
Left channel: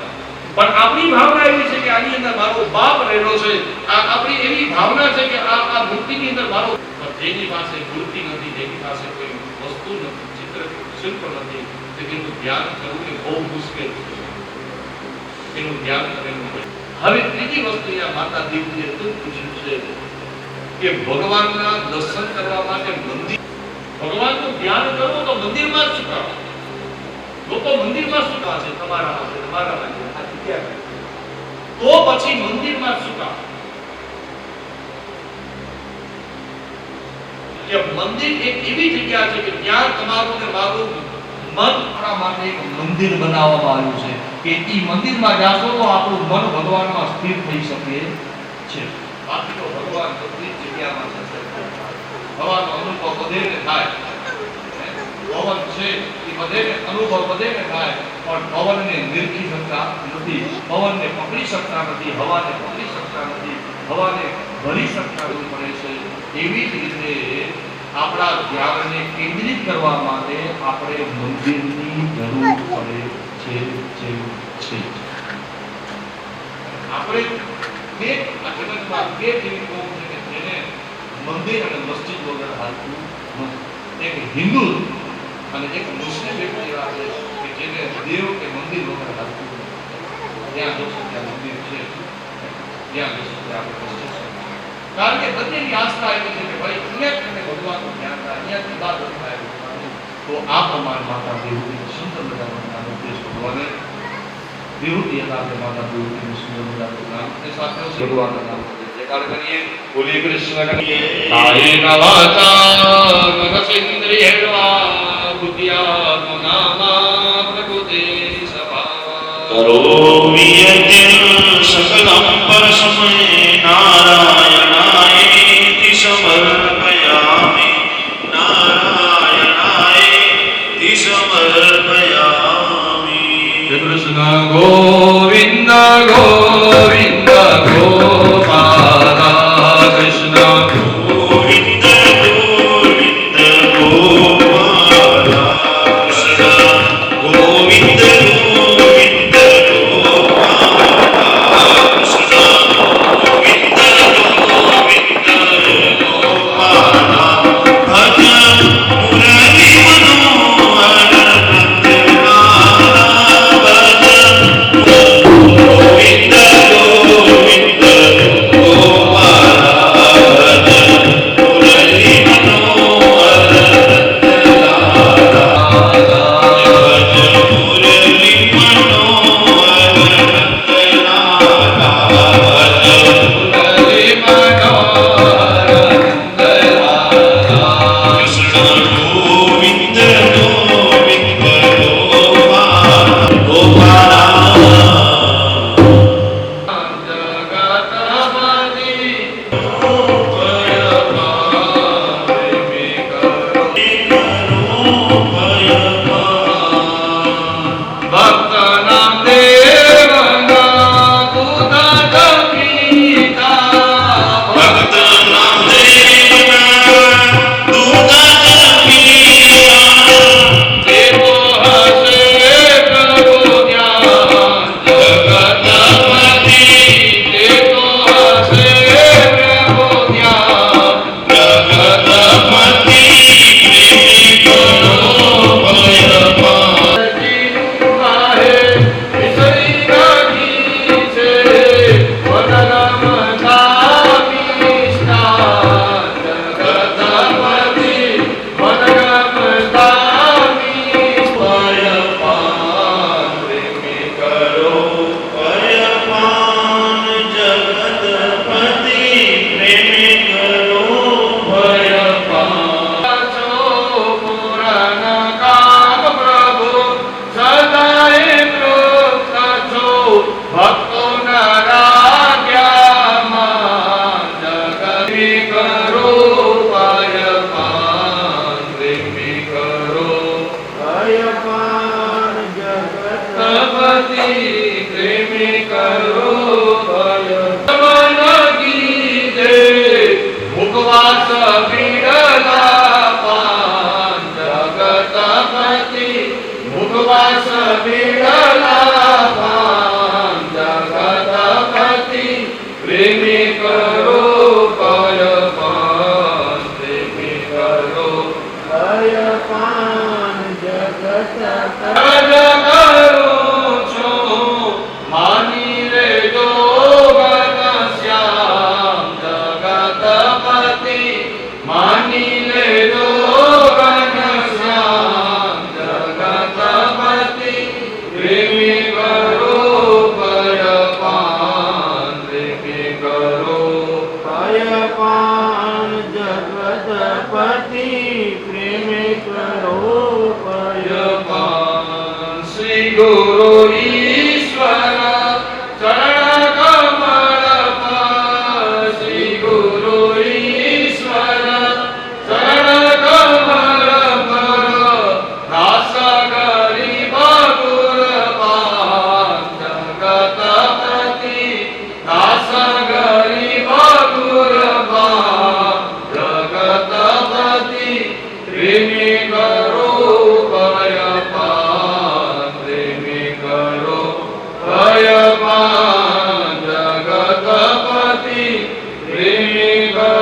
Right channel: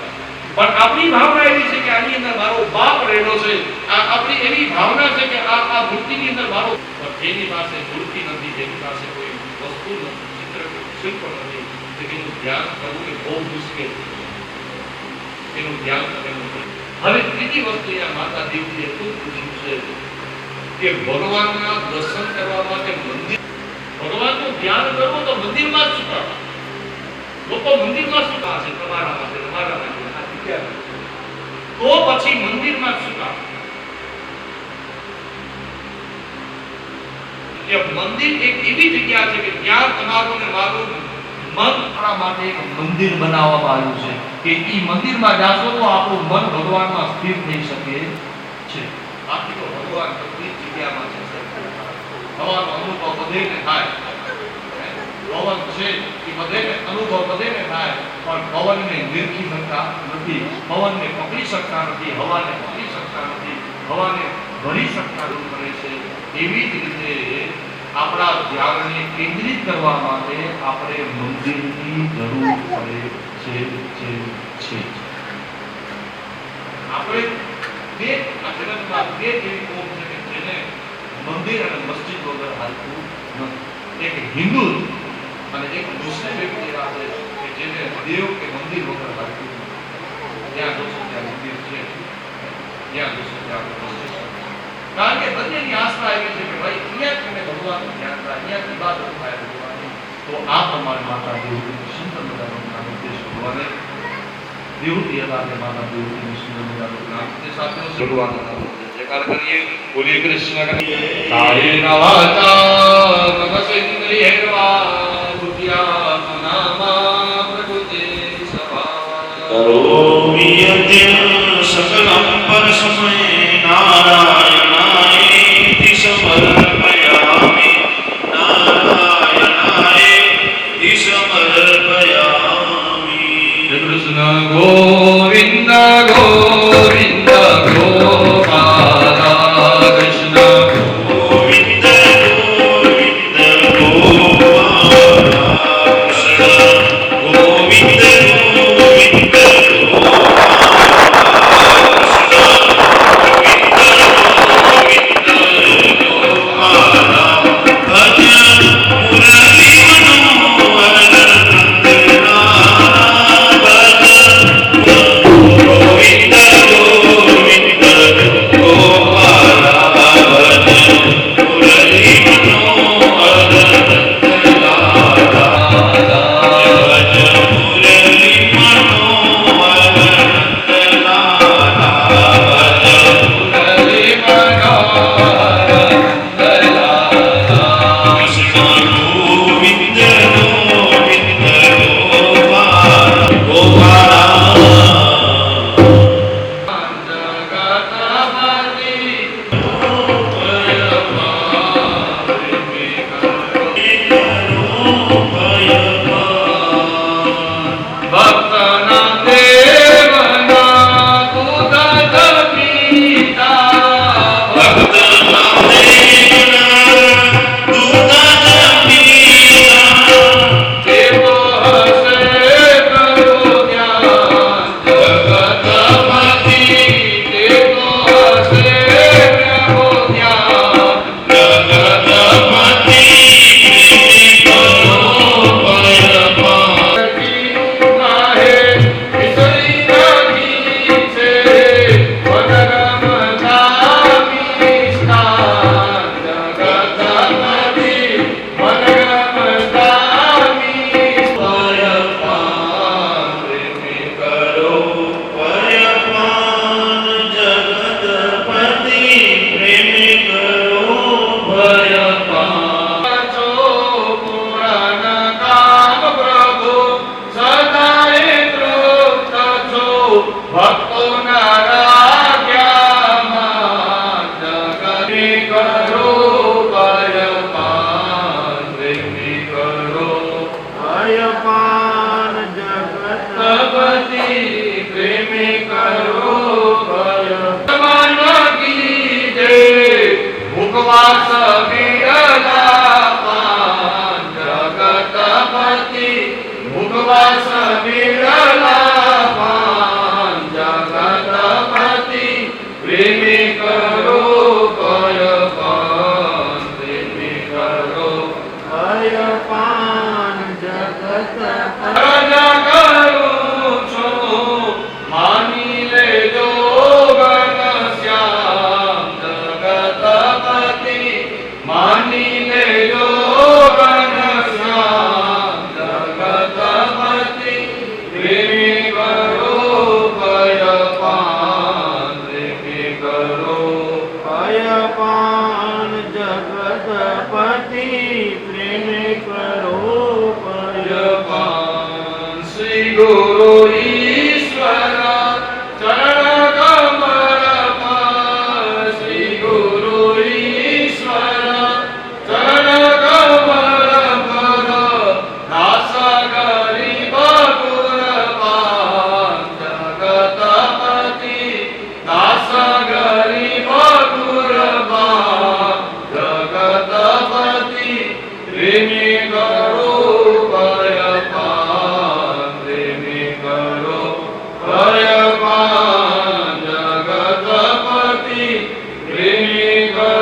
પણ આપણી ભાવના એવી છે કે આની અંદર મારો બાપ રહેલો છે. આપણી એવી ભાવના છે કે આ મૂર્તિની અંદર મારો, જેની પાસે મૂર્તિ નથી, જેની પાસે કોઈ વસ્તુ નથી, ચિત્ર શિલ્પ નથી, તેનું ધ્યાન કરવું એ બહુ મુશ્કેલ છે. તેનું ધ્યાન કરેલું છે. હવે ત્રીજી વસ્તુ અહીંયા માતા દેવજીએ ખૂબ પૂછ્યું છે કે ભગવાનના દર્શન કરવા માટે મંદિર, ભગવાનનું ધ્યાન કરવું તો મંદિરમાં જ શું કરવા? લોકો મંદિરમાં શું કામ છે? તમારા માટે, તમારા માટે તો પછી મંદિરમાં શું કામ? કે મંદિર એક એવી જગ્યા છે કે ત્યાં તમારું ને મારું મન આપણા માટે એક મંદિર બનાવવામાં આવ્યું છે કે ઈ મંદિરમાં જાશો તો આપણું મન ભગવાનમાં સ્થિર થઈ શકે છે. બાકી તો ભગવાન બધી જગ્યામાં છે. ભગવાનનો અનુભવ બધેને થાય. ભગવાન છે એ બધેને અનુભવ બધેને થાય, પણ પવનને નિરખી શકતા નથી, પવનને પકડી શકતા નથી, હવાને પકડી શકતા નથી, હવાને ભરી શકતા પડે છે. એવી જ રીતે આપણા ધ્યાનને કેન્દ્રિત કરવા માટે આપણે મંદિરની જરૂર પડે છે. આપણે આ જગતમાં એવી કોમ છે જેને મંદિર અને મસ્જિદ વગર હાલતું નથી. એક હિન્દુ અને એક મુસ્લિમ વ્યક્તિ એવા છે કે જેને દેવ કે મંદિર વગર હાલતું નથી. ત્યાં જોશો ત્યાં મંદિર છે, ત્યાં જોશો ત્યાં મસ્જિદ છે. કારણ કે બંનેની આસ્થા એવી છે કે ભાઈ અહીંયા તમે ભગવાનનું ધ્યાન થાય, અહીંયાથી બાદ થાય ભગવાનનું. તો આ પ્રમાણે માતા દેવની સુંદર મજાનું નામ ઉપદેશ ભગવાને દેવતી હતા કે માતા દેવની સુંદર મજાનું નામ તે સાથે ભગવાનનું નામ જયકાર કરીએ. બોલીએ કૃષ્ણ કહીએ કાયેન વાચા મનસેન્દ્રિયેર્વા બુદ્ધ્યા નામા પ્રકૃતે સભા કરોમિ યજ્ઞ સકલં પરસ્મૈ નારાયણાય સમર્પયામિ નારાયણાય સમર્પયામિ. કૃષ્ણ ગોવિંદ ગોવિંદ ગોપાલ કૃષ્ણ ગોવિંદ ગોવિંદ ગોપાલ કૃષ્ણ ગોવિંદ ગોવિંદ ગોવિંદ ભક્તના દેવના દૂધ પીતા ભક્તના દેવના દૂધ જ પીતા દેવો હસે પ્રભુ ધ્યાન જગતપતિ દેવો હસે પ્રભુ ધ્યાન જગતપતિ પ્રેમી કરો ભયપાન કાહે વિસરી નાખી છે વનરમ ધામી નિષ્ઠા જગતપતિ વનરમ ધામી ભયપાન પ્રેમી કરો ભયપાન જગતપતિ પ્રેમી કરો ભયપાન છો પુરાણ કામ પ્રભુ સદાય તૃપ્ત છો ભક્તોના રાજ્યમાં જગતી કરો ભયપાન પ્રેમી કરો ભયપાન જગતપતિ પ્રેમી કરો ભયપાન કીજે મુખવાસ વિરલા પાન જગતપતિ મુખવાસ વિરલા પાન જગતપતિ પ્રેમી કરો ભયપાન પ્રેમી કરો ભયપાન જગતપતિ રાજ કરું છું માની લેજો ઘનશ્યામ જગતપતિ માની લેજો ઘનશ્યામ જગતપતિ પ્રેમી કરો ભયપાન પ્રેમી કરો ભયપાન જગતપતિ પ્રેમી કરો ભયપાન શ્રી ગુરુ ઈશ્વર ચરણ કમળ પર શ્રી ગુરુ ઈશ્વર ચરણ કમળ પર દાસ ગરીબ ગુરબાન જગતપતિ દાસ ગરીબ ગુરબાન જગતપતિ પ્રેમી કરો ભયપાન પ્રેમી કરો ભયપાન જગતપતિ પ્રેમી કરો